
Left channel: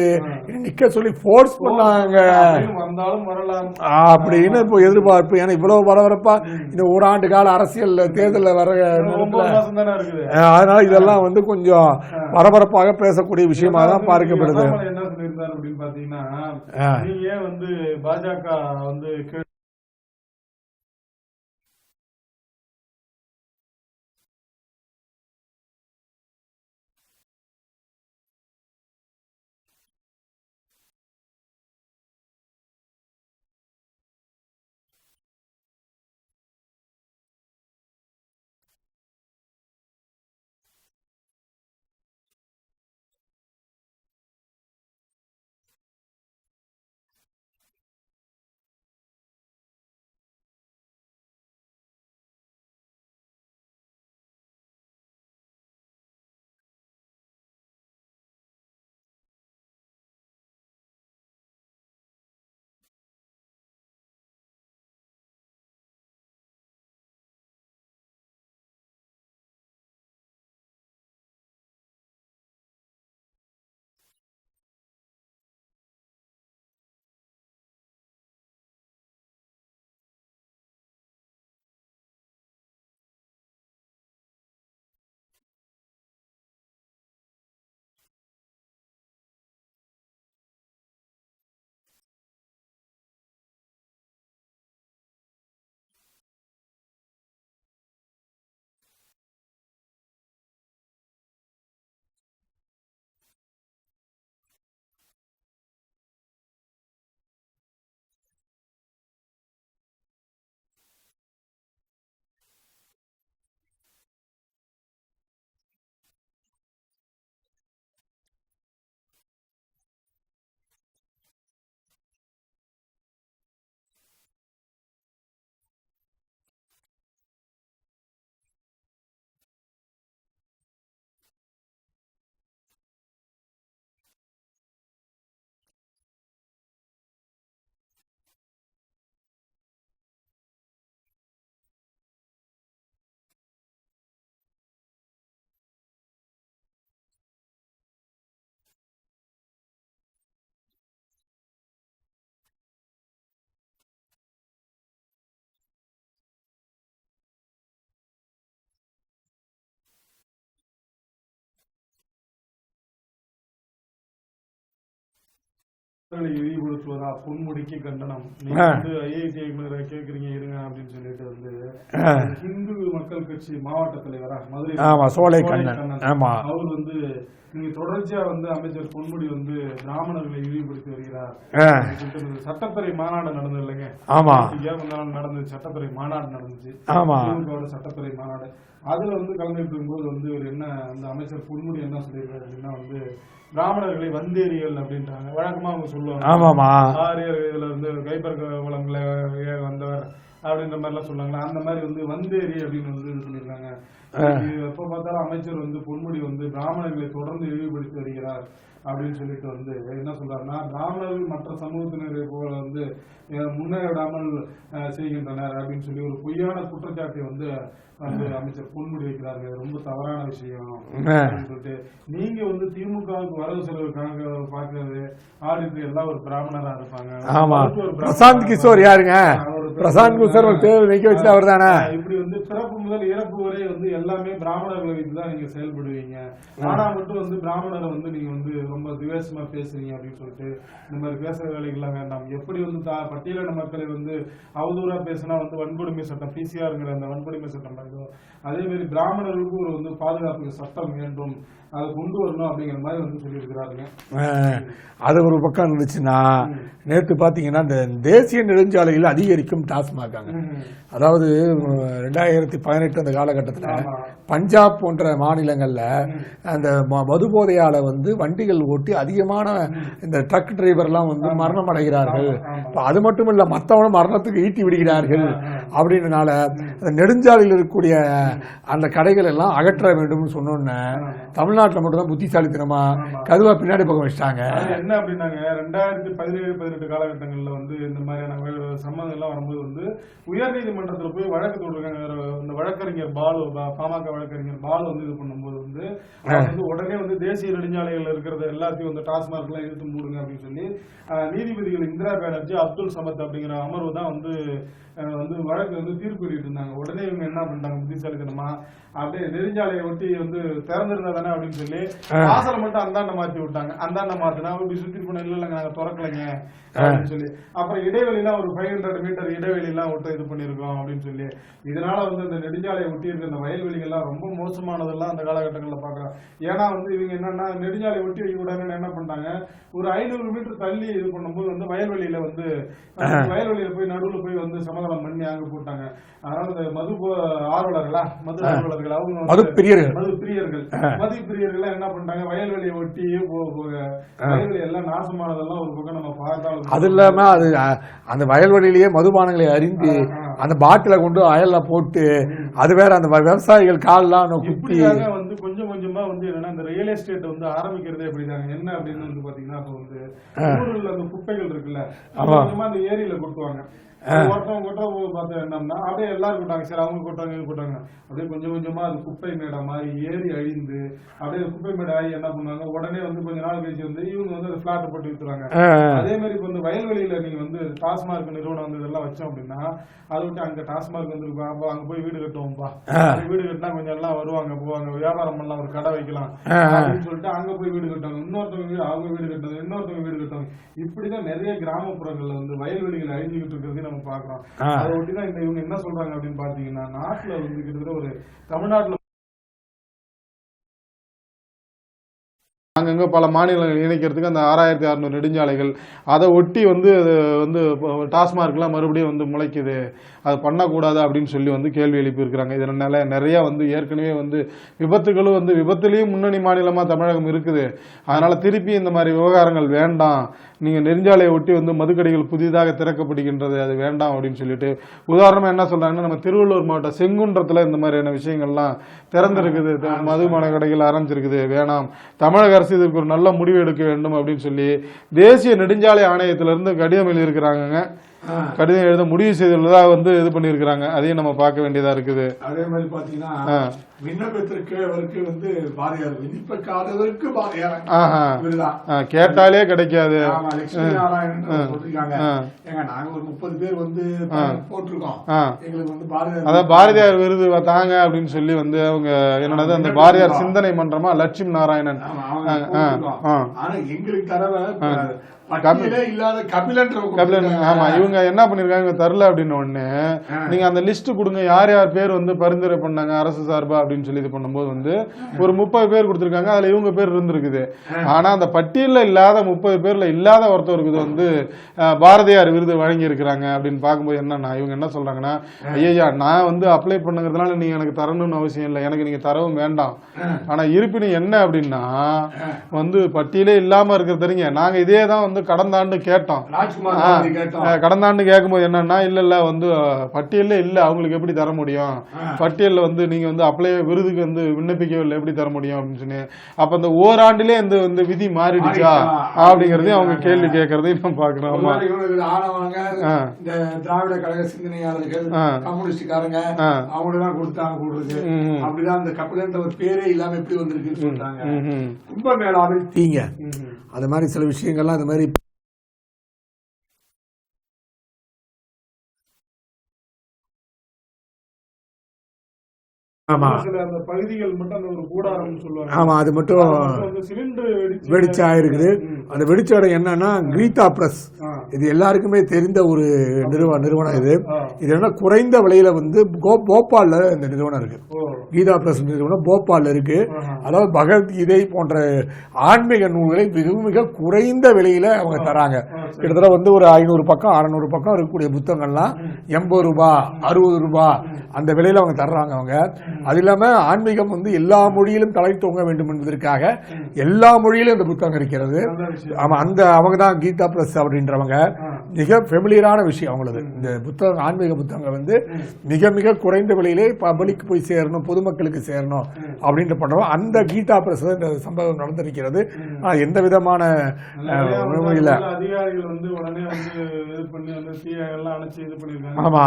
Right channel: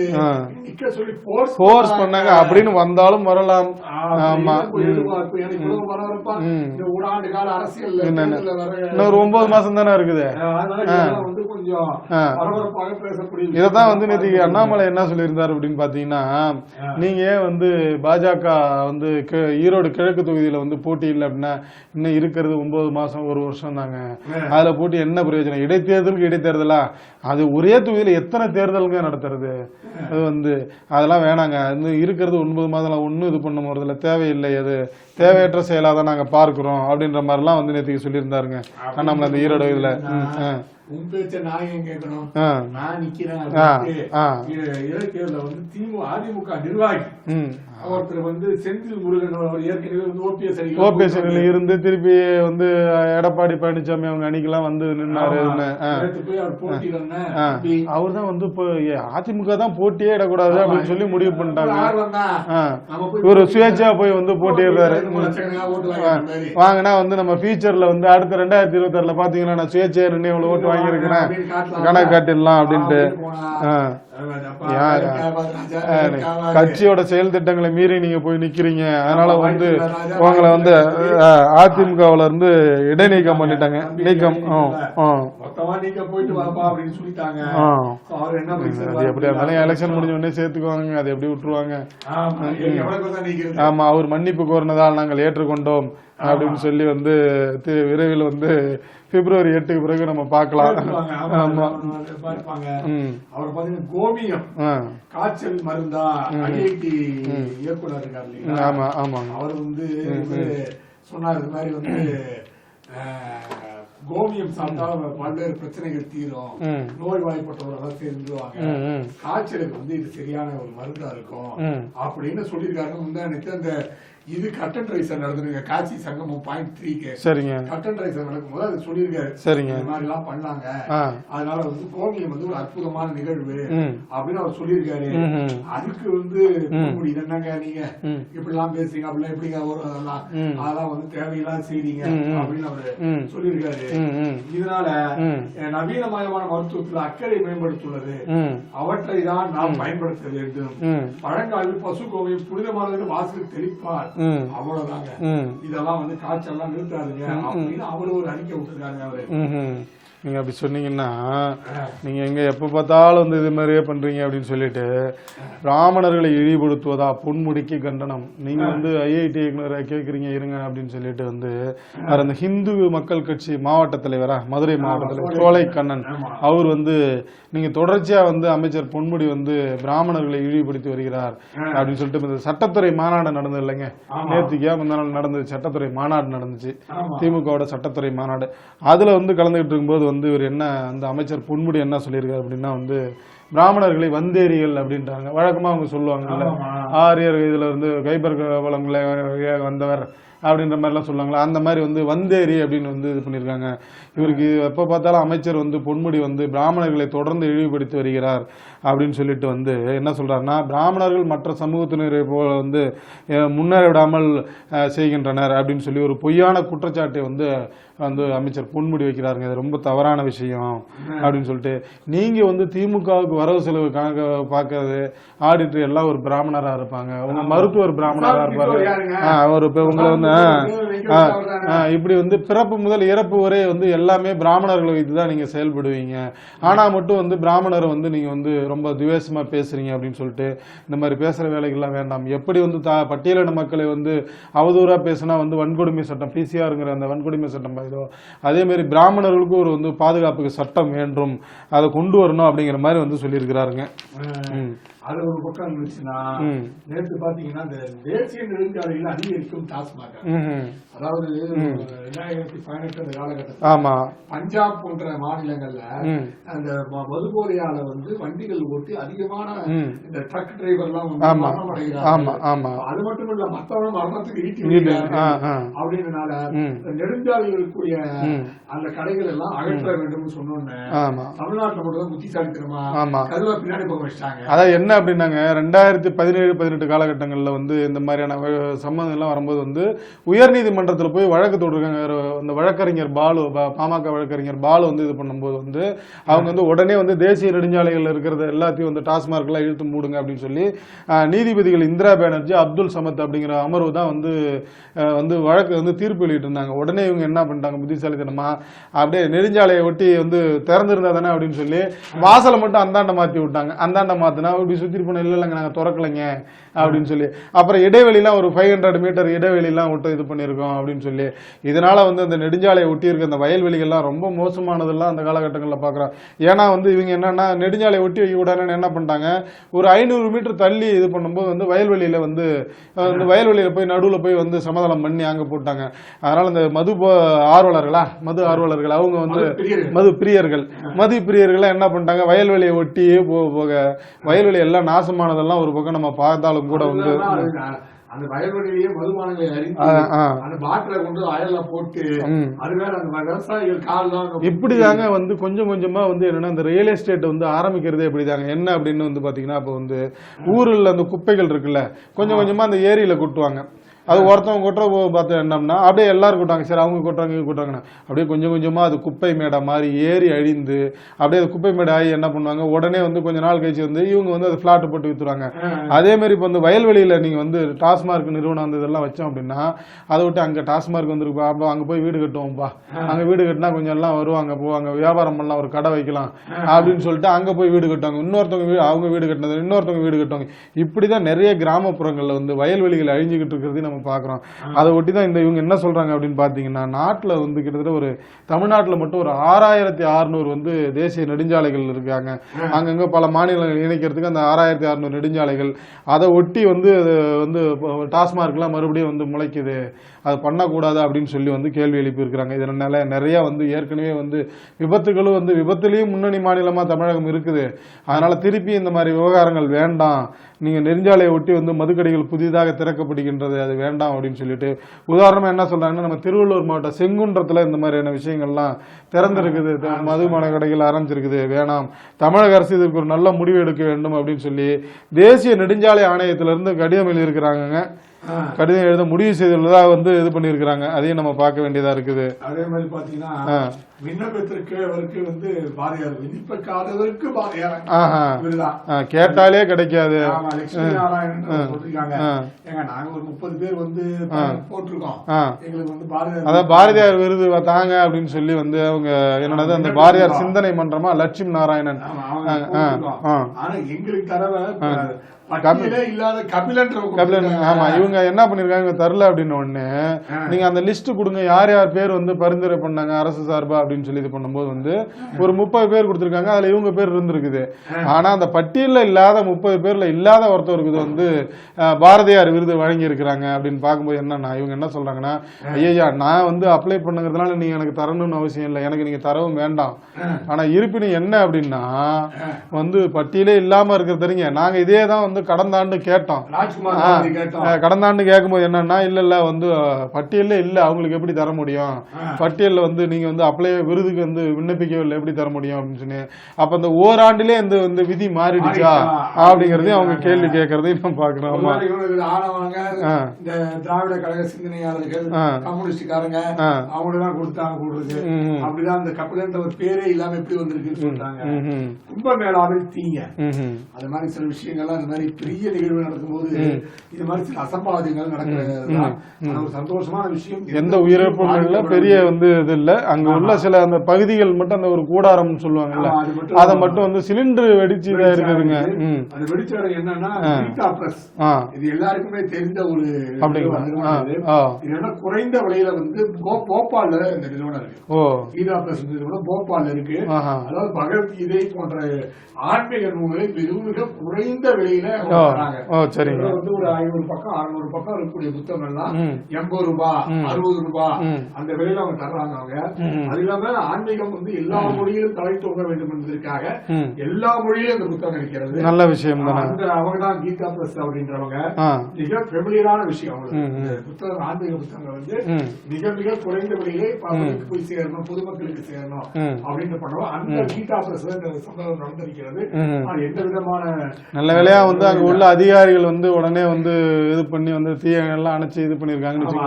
நிக்க சொல்லி போர்ஸ் பண்ணாங்க அப்படின்னு வந்தாலும் வரலாம் அப்படின்னு எதிர்பார்ப்பு. ஏன்னா இவ்வளவு பரபரப்பா இந்த ஓராண்டு கால அரசியல் தேர்தல் வர 9 மாசம் தானே இருக்குது. அதனால இதெல்லாம் வந்து கொஞ்சம் பரபரப்பாக பேசக்கூடிய விஷயம். அண்ணாமலை என்ன சொல்லியிருந்தாரு அப்படின்னு பாத்தீங்கன்னா, நீங்க வந்து பாஜக வந்து ஈரோடு கிழக்கு தொகுதியில வந்து போட்டி இல்லை அப்படின்னா இன்னும் இருக்கிறது 9 மாசம் 1 வருஷம் தாங்க, அதுல போட்டி என்ன பிரயோஜனம், இடைத்தேர்தலுக்கு இடைத்தேர்தலா அது ஒரே தொகுதியில எத்தனை தேர்தலுங்க நடத்துறது, அது வந்து அதெல்லாம் வேணாங்க, இருக்கிறது 9 மாதம் ஒன்னும் இது பண்ண போறதுல தேவையில்லை, அது தேவையற்ற செயலாதான் நாங்க பார்க்கிறோம் அப்படின்ற மாதிரி எல்லாம் வந்து நேற்றுக்கு சொல்லியிருந்தாருங்க நம்மள அந்த ஈரோடு இதுல. உன் பேச்ச நான் ஏன் கேட்கணும், நான் நிக்கிறேன். அதிமுக நிர்வாகி ஒருத்தர் வந்து செந்தில் முருகன் ஏற்கனவே வந்து ஓபிஎஸ் இருந்து திருப்பி வந்து எடப்பாடி பழனிசாமி அவங்க அணிக்கெல்லாம் வந்து நின்னாரு. அவர் தான் வந்து இப்போ அதிமுக தான் போட்டியே இடக்கூடாது அப்படின்னு சொல்லி முடிவு பண்ணிட்டாங்க. ஒரு சுயேட்சா போய் வந்து போட்டியிடுறாரு. வாங்கினா வந்து நம்ம ஃபியூச்சர்ல வந்து அடுத்த 2026 பாத்தீங்கன்னா நான் சுயேட்சையா நின்று இவ்வளவு ஓட்டு வாங்கியிருக்கிறேன் கணக்கு காட்டிடலாம் அப்படின்ட்டு. கட்சியோட செயல் திட்டங்களை மீறி நீங்க போய் நிக்கிறீங்க, அதனால வந்து உங்களை வந்து அதிமுகவுல இருந்து இடைநீக்கம் பண்ணிட்டாங்க. நீக்கம் எப்படி இருந்தாலும் எலெக்ஷன் முடிஞ்ச உடனே சேர்த்துக்குவாங்க, அதை எப்படி விட்டுருவாங்க. ஆமா, அவர் மன்னிப்பு கோரினதால் நாங்கள் ஏற்றுக்கொண்டோம் அப்படின்னு சொல்லி வந்து விரைவில் வந்து பிப்ரவரி 8க்கு பிறகு நம்ம பார்க்கலாம். ஆமா, அவர் பாத்தீங்கன்னா கோமியம் காய்ச்சல் மருந்தா ஐஐடி இயக்குனர் இருக்காரு இல்லையா, ஆமா ஆமா, அவர் வந்து சொன்னார் இது மாதிரி வந்து கோமியம் சாப்பிட்டா பல்வேறு பிரச்சனைகள் தீரும், நோய் வாய்ப்பட்டவர்கள் தெரிஞ்சுவாங்க, காய்ச்சலுக்கு வந்து இது சரியான ஒரு மருந்தா இருக்கும் அப்படின்னு சொல்லியிருக்காங்க. முந்தானத்து அந்த இது கட்டன் ரைசர் நடந்துருங்க காட்சி சங்கமம் 0.3க்கு. சரிங்க, கட்டன் ரைசர் நடக்கும் போது அது சொல்லியிருக்காரு. சரிங்க, இந்த மாதிரி எல்லாம் பண்ணாங்க, அதனால வந்து கோமியம் வந்து ஒரு அற்புதமான நிகழ்வு அப்படின்னு அவர் சொல்லியிருக்காரு. அதுக்கு வந்து என்னங்க நீங்க இப்படி எல்லாம் பேசுறீங்க, அப்படிலாம் எப்படிங்க வரும், அதெல்லாம் வந்து தேவையில்லாத செய்றீங்க அப்படின்னு அவரு சொல்லியிருக்காரு. இதனால நவீனமயமான மருத்துவத்தில் அக்கறை மேம்படுத்துள்ளது, அவற்றை தான் நாம் பயன்படுத்த வேண்டும். பழங்காலில் பசு கோமியம் புனிதமானது வாசல் தெளிப்பார், அவ்வளவுதாங்க. இதெல்லாம் வந்து காய்ச்சல் எல்லாம் நிறுத்தாதுங்க அப்படின்னு அவரு ஒரு அறிக்கை விட்டுருக்காங்க. அவரு நீங்க அப்படி சொன்னீங்கன்னா நீங்க எங்க எப்ப பார்த்தாலும் வந்து இது மாதிரியே பண்றீங்க அப்படின்னு சொல்லிட்டு பிராமணர்களை இழிவுபடுத்துவதா பொன்முடிக்கு கண்டனம். நீங்க வந்து ஐஐடி இயக்குனரை கேக்குறீங்க இருங்க அப்படின்னு சொல்லிட்டு வந்து அந்த ஹிந்து மக்கள் கட்சி மாவட்ட தலைவரா மதுரை சோலை கண்ணன் அவர் வந்து நீங்க தொடர்ச்சியா வந்து அமைச்சர் பொன்முடி வந்து பிராமணர்களை இழிவுபடுத்தி வருகிறார் அப்படின்னு சொல்லிட்டு சட்டத்துறை மாநாடு நடந்தது இல்லைங்க, நடந்தது சட்டத்துறை மாநாடு நடந்துச்சு, திமுகவோட சட்டத்துறை மாநாடு. அதுல வந்து கலந்துகிட்டு இருக்கும்போது வந்து இவர் என்ன அந்த அமைச்சர் பொன்முடி என்ன சொல்லியிருக்காரு அப்படின்னா வந்து பிராமணர்களை வந்தேரிகள் அப்படின்றாங்க. வழக்கமா அவங்க சொல்லுவாங்க ஆரியர் இதுல இருந்து கைபர் வளங்களை வந்தவர் அப்படின்ற மாதிரிலாம் சொல்லுவாங்களா, அந்த மாதிரி வந்து வந்தேரி அப்படின்னு வந்து இது பண்ணியிருக்காங்க. இவருக்கு எப்போ பார்த்தாலும் அமைச்சர் வந்து பொன்முடி வந்து பிராமணர்களை தொடர்ந்து இழிவுபடுத்தி வருகிறார் அப்படின்னு சொல்லிட்டு வந்து என்ன சொல்றாருன்னா, பிராமணர்கள் மற்ற சமூகத்தினரை போல வந்து முன்னேற விடாமல் செய்கின்றனர் அப்படின்னு சொல்லி ஒரு பொய்யான குற்றச்சாட்டை வந்து அமைச்சர் பொன்முடி வைக்கிறாருங்க. இது ரொம்ப தவறான விஷயம் அப்படின்னு சொல்லிட்டு, நீங்க வந்து திமுகவுக்கு வரவு செலவு கணக்கு பாக்குறது ஆடிட்டர் எல்லாம் ஒரு பிராமணரா இருப்பாங்க, மருத்துவர் இப்படி வந்து பிறப்பு முதல் இறப்பு வரை வந்து எல்லாமே பிராமணர்களை வைத்துதான் நீங்க செயல்படுவீங்க. ஆனா மட்டும் வந்து பிராமணரை வந்து நீங்க வந்து ரொம்ப துவேஷமா பேசுறீங்க அப்படின்னு சொல்லிட்டு, இந்த மாதிரி பேசுற வேலைகள்லாம் வேண்டாம். எப்படி வந்து பட்டியலின மக்களை வந்து அவதூறா பேசினா வந்து வன்கொடுமை சட்டம், பிசிஆருங்கிற அந்த வன்கொடுமை சட்டம், அதே மாதிரி பிராமணர்களுக்கு ஒரு வந்து பாதுகாப்புக்கு சட்டம் வேண்டும், அதை கொண்டு வரணும் அப்படிங்கிற மாதிரி வந்து சொல்லியிருக்கிறாருங்க. அது ஒரு பக்கம் இருந்துச்சுன்னா, நேற்று பாத்தீங்கன்னா இந்த தேசிய நெடுஞ்சாலையில் அதிகரிக்கும் டாஸ்மாக், அதாவது 2018 அந்த காலகட்டத்தில் பஞ்சாப் போன்ற மாநிலங்கள்ல அந்த மது போதையால வந்து வண்டிகள் ஓட்டி அதிகமான இந்த ட்ரக் டிரைவர் எல்லாம் வந்து மரணம் அடைகிறார்கள். அது மட்டும் இல்ல, மத்தவனும் மரணத்துக்கு ஈட்டி விடுகிறார்கள். அப்படின்றனால நெடுஞ்சாலையில் இருக்கக்கூடிய அந்த கடைகள் எல்லாம் அகற்ற வேண்டும் சொன்னோன்னு தமிழ்நாட்டில் மட்டும் தான் புத்திசாலித்தனமா கதுவா பின்னாடி பக்கம் வச்சிட்டாங்க. அதாவது என்ன அப்படின்னாங்க, 2017-18 காலகட்டங்கள்ல வந்து இந்த மாதிரியான சம்மந்தம் எல்லாம் வரும்போது வந்து உயர்நீதிமன்றத்தில் போய் வழக்கு தொடுறாங்க. அந்த வழக்கறிஞர் பாலு, பாமக வழக்கறிஞர் பாலு வந்து இது பண்ணும்போது வந்து அவங்க வந்து உடனே வந்து தேசிய நெடுஞ்சாலைகள் இருக்கிறத எல்லாத்தையும் வந்து டாஸ்மார்க் எல்லாம் இழுத்து மூடுங்க அப்படின்னு சொல்லி நீதிபதிகள் இந்திரா பானர்ஜி, அப்துல் சமத் அப்படிங்கிற அமர்வு தான் வந்து வழக்கு வந்து தீர்ப்பு வெளியிட்டு இருந்தாங்க. உடனே இவங்க என்ன பண்ணிட்டாங்க, புத்திசாலித்தனமா அப்படியே நெடுஞ்சாலையை ஒட்டி வந்து திறந்திருந்தா தானே அப்படின்னு சொல்லி வாசலை மட்டும் அந்தாண்ட மாத்தி விட்டாங்க. அந்தாண்ட மாத்தினா இப்படி சுத்தி போன இல்லைங்க நாங்க திறக்கலைங்க அப்படின்னு சொல்லி, அப்புறம் இடைவெளிலாம் ஒரு 500 மீட்டர் இடைவெளிலாம் விட்டு இது பண்ணியிருக்கோம் அப்படின்னு சொல்லி, இதனால வந்து அந்த நெடுஞ்சாலையை ஒட்டி இருக்க அந்த வயல்வெளிகள்லாம் ரொம்ப மோசமானதெல்லாம் அந்த காலகட்டங்களில் பார்க்குறோம். ஏன்னா வந்து இவங்க என்னன்னா நெடுஞ்சாலையை ஒட்டி வைக்க கூடாதுன்னு என்ன பண்ணிட்டாங்க, ஒரு 500 மீட்டர் தள்ளி இது பண்ணும்போது வந்து வயல்வெளியில வந்து வயல்வெளியில போய் நடுவில் போய் வந்து சமாதானம் பண்ணி அங்க போட்டாங்க. அதனால இந்த மது ஆர்வலர்கள் அவங்க வந்து மது பிரியர்கள் என்ன பண்ணிட்டாங்க, வயல்வெளியை ஒட்டியே போக வயல்வெளி எல்லாம் நாசமானதெல்லாம் ஒரு பக்கம் நம்ம பார்த்தாலும் அது இல்லாம அது அந்த வயல்வெளியிலேயே மதுபானங்களை அறிந்து அந்த பாட்டில கொண்டு அயல்ல போட்டு, அது வேற அந்த விவசாயிகள் கால்லாம் இப்படியாங்க வந்து கொஞ்சம் கொஞ்சமா வந்து என்னன்னா இந்த ரியல் எஸ்டேட் வந்து ஆரம்பிக்கிறதே இப்படிதாங்க. என்ன அப்படின்னு வந்து பாத்தீங்கன்னா, இப்ப வந்து ஊர்ல அந்த குப்பைகள் இருக்குல்ல, கொஞ்சம் கொஞ்சமா அந்த ஏரியில கொட்டுவாங்க. அது ஒருத்தவங்க கொட்டுற பார்த்து என்னம்னா அப்படியே எல்லாரும் கொட்டாங்க, சரி அவங்க கொட்டுறாங்க இவங்க கொட்டுறாங்கன்னா அப்படியே கொஞ்சம் கொஞ்சமா அது குப்பை மேடை மாதிரி ஏறி அழிந்து அப்படியே அது குப்பை மேடை ஆகி என்ன பண்ணுவாங்க, உடனே வந்து கொஞ்ச நாள் கழிச்சு வந்து இவங்க வந்து அது பிளாட் போட்டு வித்துருவாங்க. அதே மாதிரி இப்போ வந்து வயல்வெளியில நீங்க வந்து டாஸ்மார்க் நிறுவனம் வந்து இதெல்லாம் வச்சோம் அப்படின்னா, அதை விட்டு அங்க டாஸ்மார்க் வந்துருப்பா, அப்போ அங்க போய் வீடு கட்டுவோம்ப்பா, அங்க வீடு கட்டினா கொஞ்சம் எல்லாம் வருவாங்க போவாங்க, வியாபாரம் பண்ணலாம், ஒரு கடை வைக்கலாம் அப்படின்னு சொல்லிட்டு அங்க போய் வீடு கட்டுவாங்க. இன்னொருத்தவங்க அவங்க வீடு கட்டினது இன்னொருத்தவங்க வீடு கட்டுவாங்க. இப்படிதான் நிறைய கிராமப்புறங்கள்ல வந்து வயல்வெளிகள் அழிஞ்சுக்கிட்டு இருக்கிறது பாக்குறோம். அதை ஒட்டிதான் இந்த இவங்க என்ன சொல்றாங்க அப்படின்னு பாத்தீங்கன்னா, நாட்டுல வந்து கிட்டத்தட்ட ஒரு தமிழ்நாட்டுல மட்டும் ஒரு 6600 வந்து தேசிய நெடுஞ்சாலைகள் இருக்காங்க. அங்கங்க பல மாநிலங்கள் இணைக்கிறதுக்கு அந்த 6600 நெடுஞ்சாலைகள், அதை ஒட்டி வந்து டாஸ்மார்க் எல்லாம் மறுபடியும் வந்து முளைக்குது, அது பண்ணக்கூடாது அப்படின்னு சொல்லி வந்து கேள்வி எழுப்பி இருக்கிறாங்க. இதனால நிறைய வந்து ஏற்கனவே வந்து விபத்துகளும் வந்து விபத்துலயும் முன்னணி மாநிலமா தமிழகம் இருக்குது. அதனால திருப்பி இந்த மாதிரி விவகாரங்கள் வேண்டாம், நீங்க நெடுஞ்சாலையை ஒட்டி வந்து மதுக்கடைகள் புதிதாக திறக்கப்படுகின்றது, அது வேண்டாம் அப்படின்னு சொல்லிட்டு, உதாரணமா என்ன சொல்றாங்கன்னா, நம்ம திருவள்ளூர் மாவட்டம் செங்குன்றத்துல இந்த மாதிரியான விஷயங்கள்லாம் திறந்திருக்குது, மதுபான கடைகள் ஆரம்பிச்சிருக்குது, வேணாம், தமிழக அரசு இதுக்கு ஒரு நல்ல முடிவு எடுக்க வேண்டும் அப்படின்னு சொல்லி தேசிய நெடுஞ்சாலை ஆணையத்திலிருந்து கடிதம் எழுதியிருக்கிறாங்க. கடிதம் எழுத முடிவு செய்துள்ளதா வந்து இது பண்ணிருக்காங்க. அதையும் நம்ம பார்க்க வேண்டியதா இருக்குது. அதே மாதிரி பாத்தீங்கன்னா விண்ணப்பத்திற்கு வந்து பாரதியார், விண்ணப்பக்காரருக்கு பாரதியார் கேட்டாலே கிடைக்காது. நாங்க ஒரு 30 பேர் வந்து போட்டிருக்கோம், எங்களுக்கு வந்து பாரதியார் அதான் பாரதியார் விருது தாங்க அப்படின்னு சொல்லி வந்து அவங்க என்னது அந்த பாரதியார் சிந்தனை மன்றமா லட்சுமி நாராயணன், ஆனா எங்களுக்கு தரவை இவங்க என்ன பண்ணிருக்காங்க தரல அப்படின்னு ஒண்ணு, நீங்க அந்த லிஸ்ட் கொடுங்க யார் யார் பேர் வந்து பரிந்துரை பண்ணாங்க அரசு சார்பா அப்படின்னு சொல்லி இது பண்ணும்போது வந்து ஒரு 30 பேர் கொடுத்திருக்காங்க. அதுல இவங்க பேர் இருந்திருக்குது. ஆனா அந்த பட்டியல்ல இல்லாத 30 பேர்ல இல்லாத ஒருத்தருக்கு வந்து பாரதியார் விருது வழங்கி இருக்கிறாங்க அப்படின்னு பார்க்கும்போது என்னன்னா, இவங்க என்ன சொல்றாங்கன்னா, ஐயா நான் வந்து அப்ளை பண்ணுங்கிறதுனால நீங்க எனக்கு தரணும்னு அவசியம் இல்லை, எனக்கு நீங்க தரவும் வேண்டாம். ஆனா இருப்பினும் என்ன அப்படின்னா வந்து பட்டியலே இல்லாம இருக்கிற தெரியுங்க, நாங்க இதே தான் வந்து வந்து கடந்த ஆண்டு கேட்டோம். ராஜ்குமார் காந்தி கேட்டோம். கடந்த ஆண்டு கேட்கும்போது என்னன்னா இல்ல வந்து பட்டியல்ல இல்ல, அவங்களுக்கு எப்படி தர முடியும், பட்டியல்ல வந்து நீங்க வந்து அப்ளை விருதுக்கு வந்து விண்ணப்பிக்கவில்லை, எப்படி தர முடியும் அப்படின்னு சொன்னி, அப்ப அந்த ஓராண்டிலே இந்த வந்து விதி மாறிடுச்சா அப்படிங்கறதையும் அவங்க கேள்வி கேட்கறதையும் நம்ம பாக்குறோம். ஆனவங்க இந்த திராவிட கழக சிந்தனையாளர்கள், கம்யூனிஸ்டுக்காரங்க அவங்க தான் கொடுத்தாங்க கூடுறது. அப்படிதான் இந்த கப்பல் ஒரு பேரே இல்லாம எப்படி வந்திருக்குன்னு சொல்றாங்க. கும்பமேளாவில் தீங்க அது மாதிரி சில விஷயங்கள்லாம் இந்த மாதிரி பெரிய நிகழ்வு நடக்கும்போது இது மாதிரி சில அசம்பாவிதங்கள் நடக்கிறது சந்தோஷமான விஷயம். எந்த உயிரிழப்பும் இல்ல, பெரிய வந்து இது இல்ல. அங்க உள்ள சில அந்த பகுதிகள் மட்டும் அந்த ஒரு கூடாரம் சொல்லுவாங்க, அது மட்டும் அதை மட்டும் வந்து சிலிண்டர் வெடிச்சு ஆயிருக்கு. அந்த வெடிச்ச இடம் என்னன்னா கீதா பிரஸ். இது எல்லாருக்குமே தெரிந்த ஒரு நிறுவனம். இது என்ன குறைந்த விலையில வந்து போபால்ல இந்த நிறுவனம் இருக்கு. கீதா பிரஸ் நிறுவனம் போபால்ல இருக்கு. அதாவது பகவத்கீதை போன்ற ஆன்மீக நூல்களை மிக மிக குறைந்த விலையில அவங்க தராங்க. இதுல வந்து ஒரு 500 பக்கம் 600 பக்கம் இருக்கக்கூடிய புத்தகங்கள்லாம் 80 ரூபாய் 60 ரூபாய் அந்த விலையில அவங்க தர்றாங்க. அவங்க அது இல்லாம ஆன்மீகம் வந்து எல்லா மொழியிலும் தலை தோங்க வேண்டும் என்பதற்காக எல்லா மொழியிலும் அந்த புத்தகம் இருக்கிறது. நல்ல விஷயம். அந்த அவங்க தான் கீதா பிரஸ் அப்படின்றவங்க. மிக ஃபெமிலியரான விஷயம் அவங்களுக்கு. இந்த புத்தகம் ஆன்மீக புத்தகங்கள் வந்து மிக மிக குறைந்த விலையிலே பப்ளிக்கு போய் சேரணும், பொதுமக்களுக்கு சேரணும் அப்படின்ட்டு பண்றோம். அந்த கீதா பிரஸ் இந்த சம்பவம் நடந்திருக்கிறது. எந்த விதமான நல்ல வேலையா வந்து அங்க உள்ள அதிகாரிகள் வந்து உடனே வந்து இது பண்ணி வந்து தீயெல்லாம் அணைச்சு இது பண்ணிருக்காங்க.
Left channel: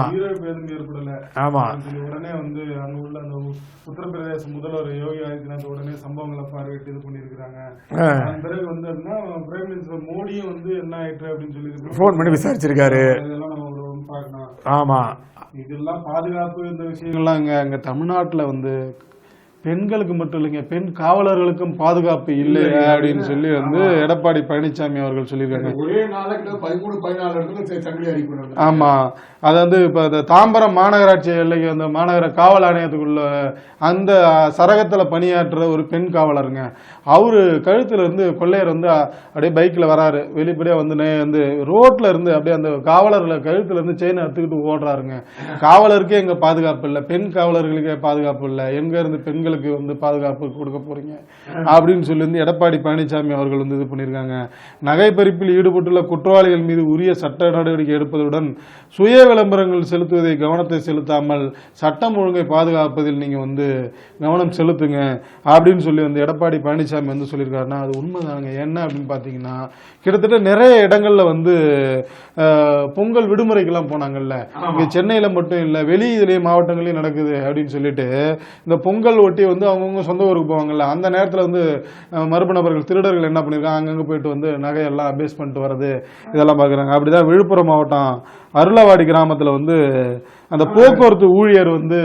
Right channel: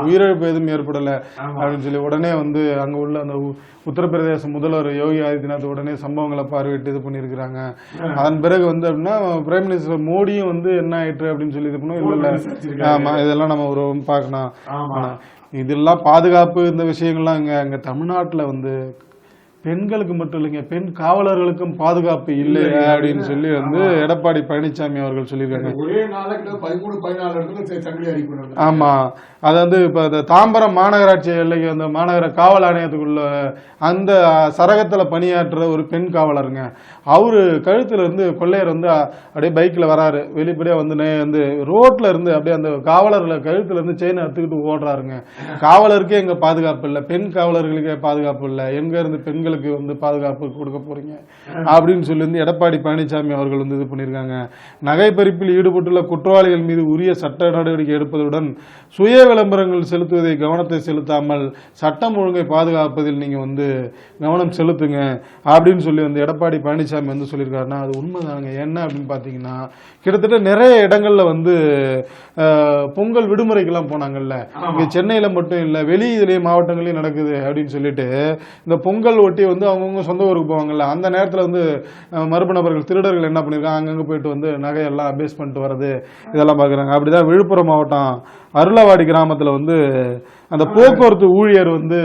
உயிரிழப்பு எதுவும் ஏற்படல அப்படின்னு சொல்லி உடனே வந்து அங்க உள்ள அந்த உத்தரப்பிரதேச முதல்வர் யோகி ஆதித்யநாத் உடனே சம்பவங்களை பார்வையிட்டு இது பண்ணிருக்காங்க. அதன் பிறகு வந்து அப்படின்னா பிரைம் மினிஸ்டர் மோடியும் வந்து என்ன ஆயிற்று அப்படின்னு சொல்லி இது பண்ணி விசாரிச்சிருக்காரு. இதெல்லாம் நம்ம ஒரு பார்க்கணும். ஆமா, இதெல்லாம் பாதுகாப்பு இந்த விஷயங்கள்லாம் இங்க தமிழ்நாட்டுல வந்து பெண்களுக்கு மட்டும் இல்லைங்க, பெண் காவலர்களுக்கும் பாதுகாப்பு இல்லை அப்படின்னு சொல்லி வந்து எடப்பாடி பழனிசாமி அவர்கள் சொல்லியிருக்காங்க. ஒரே நாளைக்கு 13-14 சங்கிலி அடிக்கணும். ஆமா, அது வந்து இப்ப தாம்பரம் மாநகராட்சி எல்லைக்கு அந்த மாநகர காவல் ஆணையத்துக்குள்ள அந்த சரகத்துல பணியாற்றுற ஒரு பெண் காவலருங்க. அவரு கழுத்துல இருந்து கொள்ளையர் வந்து அப்படியே பைக்ல வராரு, வெளிப்படையா வந்து ரோட்ல இருந்து அப்படியே அந்த காவலர்ல கழுத்துல இருந்து செயினை எடுத்துக்கிட்டு ஓடுறாருங்க. காவலருக்கே எங்க பாதுகாப்பு இல்லை, பெண் காவலர்களுக்கே பாதுகாப்பு இல்லை, எங்க இருந்து பெண்களுக்கு வந்து பாதுகாப்பு கொடுக்க போறீங்க அப்படின்னு சொல்லி வந்து எடப்பாடி பழனிசாமி அவர்கள் வந்து இது பண்ணிருக்காங்க. நகை பறிப்பில் ஈடுபட்டுள்ள குற்றவாளிகள் மீது உரிய சட்ட நடவடிக்கை எடுப்பதுடன் சுய விளம்பரங்கள் செலுத்துவதை கவனத்தை செலுத்தாமல் சட்டம் ஒழுங்கை பாதுகாப்பதில் நீங்க வந்து கவனம் செலுத்துங்க அப்படின்னு சொல்லி வந்து எடப்பாடி பழனிசாமி வந்து சொல்லியிருக்காருன்னா அது உண்மைதானுங்க. என்ன அப்படின்னு பாத்தீங்கன்னா கிட்டத்தட்ட நிறைய இடங்கள்ல வந்து பொங்கல் விடுமுறைக்கெல்லாம் போனாங்கல்ல, இங்க சென்னையில மட்டும் இல்ல வெளி இதுலயே மாவட்டங்களையும் நடக்குது அப்படின்னு சொல்லிட்டு இந்த பொங்கல் ஒட்டி வந்து அவங்கவுங்க சொந்த ஊருக்கு போவாங்கல்ல, அந்த நேரத்துல வந்து மர்ம நபர்கள் திருடர்கள் என்ன பண்ணிருக்காங்க, அங்கங்க போயிட்டு வந்து நகையெல்லாம் அபேஸ் பண்ணிட்டு வர்றது இதெல்லாம் பாக்குறாங்க. அப்படிதான் விழுப்புரம் மாவட்டம் அருளவாடி கிராமத்துல வந்து அந்த போக்குவரத்து ஊழியர் வந்து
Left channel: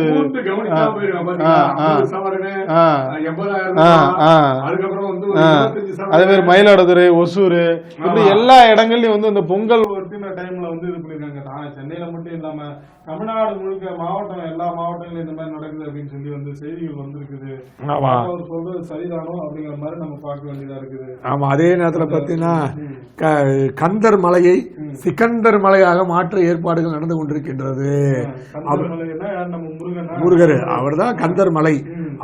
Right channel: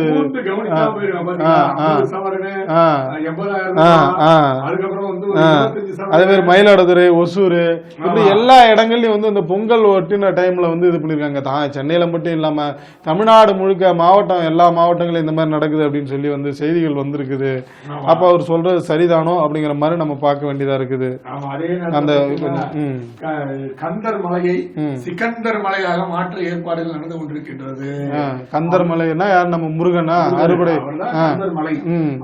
அதே மாதிரி மயிலாடுதுறை ஒசூர் இப்படி எல்லா இடங்கள்லயும் வந்து இந்த பொங்கல் ஒட்டின டைம்ல வந்து இது பண்ணிருக்காங்க. சென்னையில மட்டும் இல்லாம தமிழ்நாடு முழுக்க மாவட்டம் எல்லா மாவட்டங்களும் இந்த மாதிரி நடக்குது அப்படின்னு சொல்லி வந்து செய்திகள் வந்திருக்குது. அப்ப அவர் சொல்றது சரிதானோ அப்படிங்கிற மாதிரி நம்ம பார்க்க வேண்டியதா இருக்குது. ஆமா, அதே நேரத்தில் கந்தர் மலையை சிக்கந்தர் மலையாக மாற்ற ஏற்பாடுகள் நடந்து கொண்டிருக்கின்றது. கந்தர் மலைன்னா யார், நம்ம முருகனா? அவர்தான் கந்தர் மலை.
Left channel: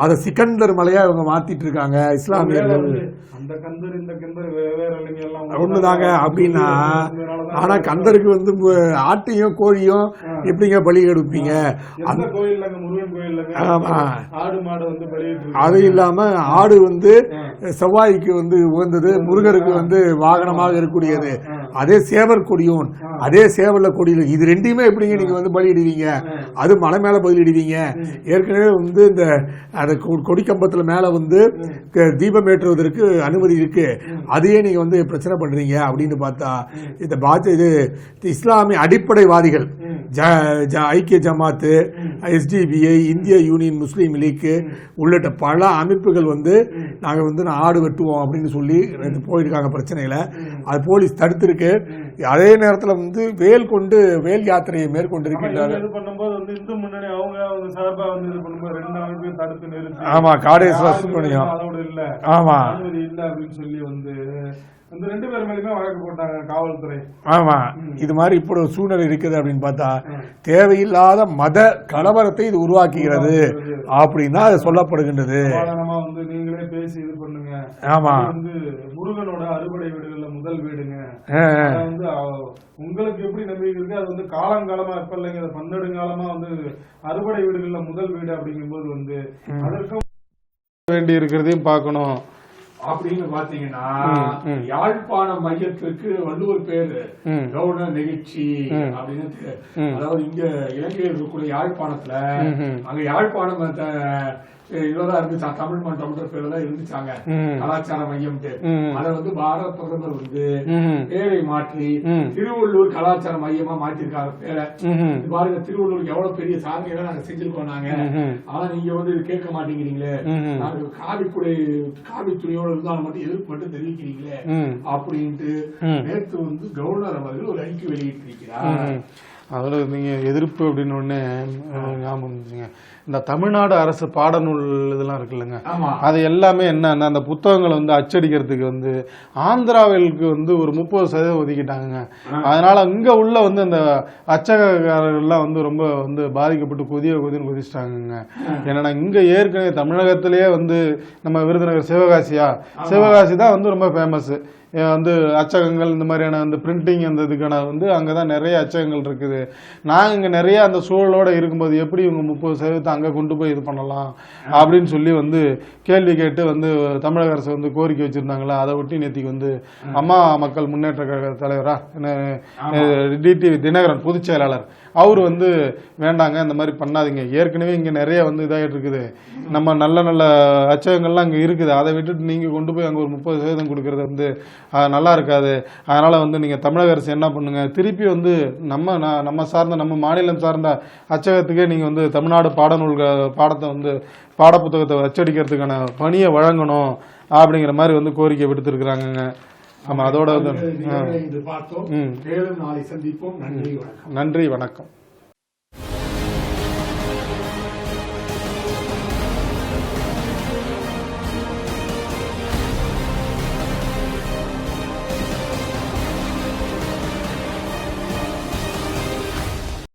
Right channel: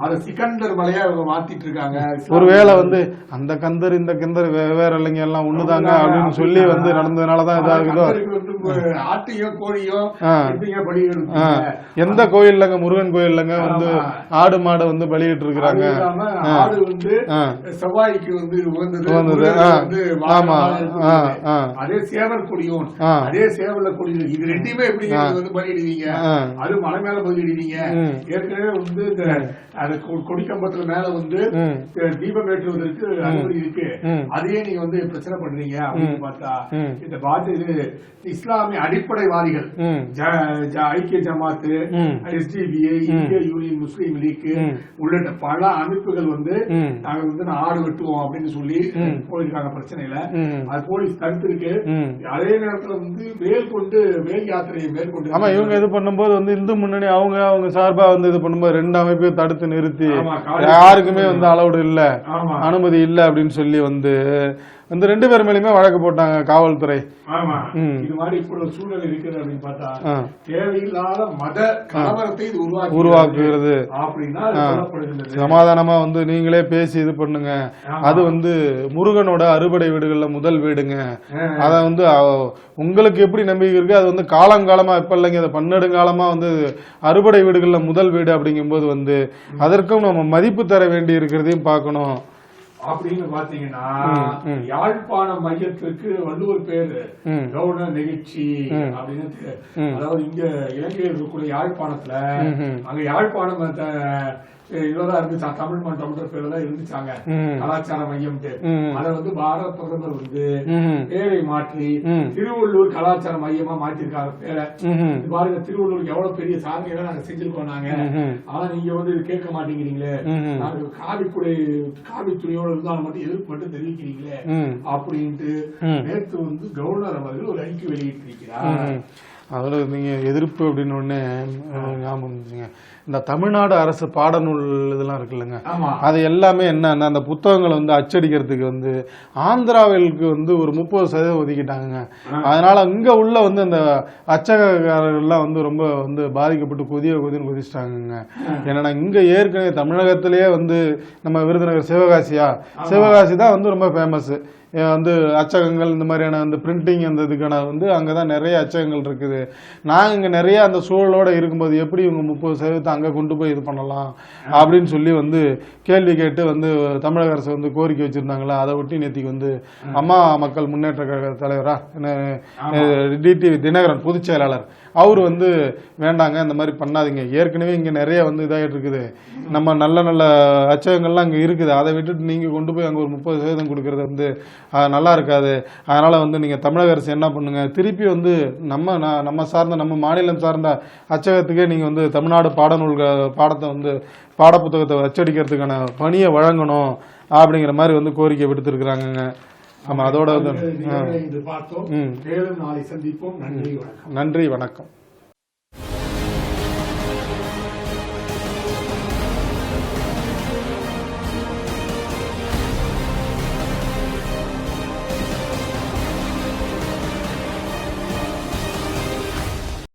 அத சிக்கந்தர் மலையா அவங்க மாத்திட்டு இருக்காங்க. ஒருவேளை வந்து அந்த கந்தர் இந்த கந்தர் வேற இல்லைங்க, எல்லாம் ஒண்ணுதாங்க சொல்லி வந்து நடந்ததுனாலதான் கந்தருக்கு வந்து ஆட்டையும் கோழியும் எப்படிங்க பலி எடுப்பீங்க? எந்த கோயில்லங்க, முருகன் கோயில்லங்க ஆடு மாடை வந்து பலியிட்டு இருக்கு. அது இல்லாம ஆடு வந்து செவ்வாய்க்கு வந்து உகந்தது, முருகருக்கு வந்து வாகனமாக இருக்கக்கூடியது. அதே சேவர் கொடியும் அதே சேவல்ல கொடியில இது ரெண்டையுமே எப்படிங்க நீங்க வந்து பலியிடுவீங்க? அது மலை மேல பலியிடுவீங்க. ஏற்கனவே வந்து இந்த கொடிக்கம்பத்துல மேல வந்து தீபம் ஏற்றுவதற்கு அனுமதி இருக்கு, அதையே நீங்க வந்து பிரச்சனை பண்றீங்க அப்படின்னு பார்த்தா இது இஸ்லாமிய அடிப்படைவாதிகள் ஐக்கிய ஜமாத்து, SDPI, இந்திய யூனியன் முஸ்லீம் லீக் உள்ளிட்ட பல அமைப்புகள் வந்து நாங்க வந்து ஆடு வெட்டுவோம் அப்படின்னு சொல்லி போயிருக்காங்க பிரச்சனையில. அது போலீஸ் தடுத்திருக்கு. அதே நேரத்துல வந்து வேல் யாத்திரையை மேற்கொண்டு இவங்க இது பண்ணும்போது வந்து இந்து முன்னணி அவங்க சார்பா வந்து இது பண்ணும்போது 2 அமைப்பையும் தடுத்து நிறுத்தி யாருக்குமே வந்து அலௌடு இல்ல, அனுமதி இல்ல அப்படின்னு சொல்லி வந்து அந்த 2 பேர் மேலயுமே வழக்கு போட்டாங்க காவல்துறை. ஆமா, இது மாதிரி இப்படி ஒரு சூழ்நிலை இருக்குது அப்படின்னு பார்த்தா தேவையில்லாத மத கலவரத்தை இது உருவாக்குகிறது அப்படின்னு தான் அது சொல்லப்படுகின்றது. சமாதானமா வந்து நீங்களே பேசி இது பண்ணுங்க. அது வந்து முருகனோட அறுபடை வீடுகள்ல முதல் வீடுங்க. அத வந்து உங்களுக்கு எப்படி நம்பிக்கை இருக்கு, அது வந்து காலங்காலமா இப்ப இல்லைங்க, அது பன்னெடுங்காலமா வந்து அறுபடை வீடுகள்ல முதல் வீடு அப்படிங்கும்போது வந்து அதற்கும் நம்ம மதிப்பு தர வேண்டி இருக்கிறதையும் பார்க்கணும். அப்படின்னு பாத்தீங்கன்னா யாழ்ப்பாண மையத்திற்கு வந்து ஒரு பேரு கவர்னர் நிகழ்ச்சி அப்படின்னு, அதாவது இங்க இலங்கையில் இருக்கக்கூடிய யாழ்ப்பாணத்துல அங்க யாழ்ப்பாணம் இதெல்லாம் இருந்துச்சா, தமிழ் மன்றம்ன்ற பேர்ல தான் இருந்துச்சாங்க கலாச்சார மையம். அதை வந்து பாரத பிரதமர் வந்து பேரை மாற்றி திருவள்ளூர் கலாச்சார மையமா மாத்திருக்காங்க பேரை. பாருங்க, திருவள்ளூருக்கு எவ்வளவு பெரிய சாதனைகளை நாங்க செஞ்சிருக்கோம் நாங்க. ஆனா நீங்க வந்து இது கேட்க மாட்டேங்கிறீங்களே, நாங்க காவி துணியோட இருந்தாலும் மட்டும் எதிர்ப்பு மட்டும் தெரிவிக்கிறீங்களே அப்படின்ட்டு நேற்று வந்து கவர்னர் அவர்கள் ஒரு அறிக்கை வெளியிட்டிருக்கிறார். அதுல நீங்க எதிர்ப்பு அப்படின்னு ஒண்ணு ஞாபகம் இருந்துச்சுங்க. இந்த தமிழ்நாடு அரசு பாடநூல் இதெல்லாம் இருக்குல்லங்க, அது எல்லாமே என்னன்னா அந்த புத்தகங்களை வந்து அச்சடிக்கிறதுக்கு வந்து ஆந்திராவிற்கு வந்து ஒரு 30% ஒதுக்கிட்டாங்க. அதனால இங்க உள்ள வந்து அந்த அச்சகக்காரர்கள்லாம் வந்து ரொம்ப வந்து பாதிக்கப்பட்டு கொதின்னு கொதிச்சிட்டாங்க. ஏன்னா இங்க ஏற்கனவே தமிழகத்திலேயே வந்து நம்ம விருதுநகர் சிவகாசி தான் வந்து ரொம்ப ஃபேமஸ். வந்து அச்சகங்கள் இந்த மாதிரியான அந்த பிரிண்டிங் அந்த இதுக்கான வந்து அங்கே தான் நிறைய அச்சகங்கள் இருக்குது. நாங்கள் இங்கே நிறைய அந்த சூழலோடு இருக்கும்போது எப்படி இவங்க 30% அங்கே கொண்டு போய் இது பண்ணலாம் அப்படின்னு சொல்லி வந்து கேள்வி கேட்டு வந்து தமிழக அரசு வந்து கோரிக்கை வச்சுருந்தாங்களா. அதை ஒட்டி நேற்றுக்கு வந்து அம்மா மக்கள் முன்னேற்ற கழக தலைவரா டிடிவி தினகரன் பொதுச் செயலாளர் அவர் வந்து வேண்டாங்க, இந்த மாதிரி பண்ணாதீங்க, ஏற்கனவே இங்கே நிறைய வந்து இதாகிட்டு இருக்குது, நம்ம நல்ல நல்ல அச்சகங்கள்லாம் இங்கே இருக்குது, அதை விட்டுட்டு நீங்கள் கொண்டு போய் அங்கே ஒரு 30% கொடுக்கறது வந்து நல்லா இருக்காது. அதனால் வந்து நீங்கள் தமிழக அரசு என்ன பண்ணுங்க, திருப்பி வந்து நம்ம சார்ந்த நம்ம மாநிலம் சார்ந்த அச்சகத்துக்கே நீங்கள் வந்து தமிழ்நாடு பாடத்தை வந்து பாடப்புத்தகத்தை அச்சடிக்கிறதுக்கான பணியை வழங்கணும் அப்படிங்கிற மாதிரி வந்து கோரிக்கை விடுத்திருக்கிறாங்க. ஆமா, அதோட பார்த்தோம். மேலும் நாளை சந்திப்போம். நன்றி, வணக்கம். நன்றி, வணக்கம்.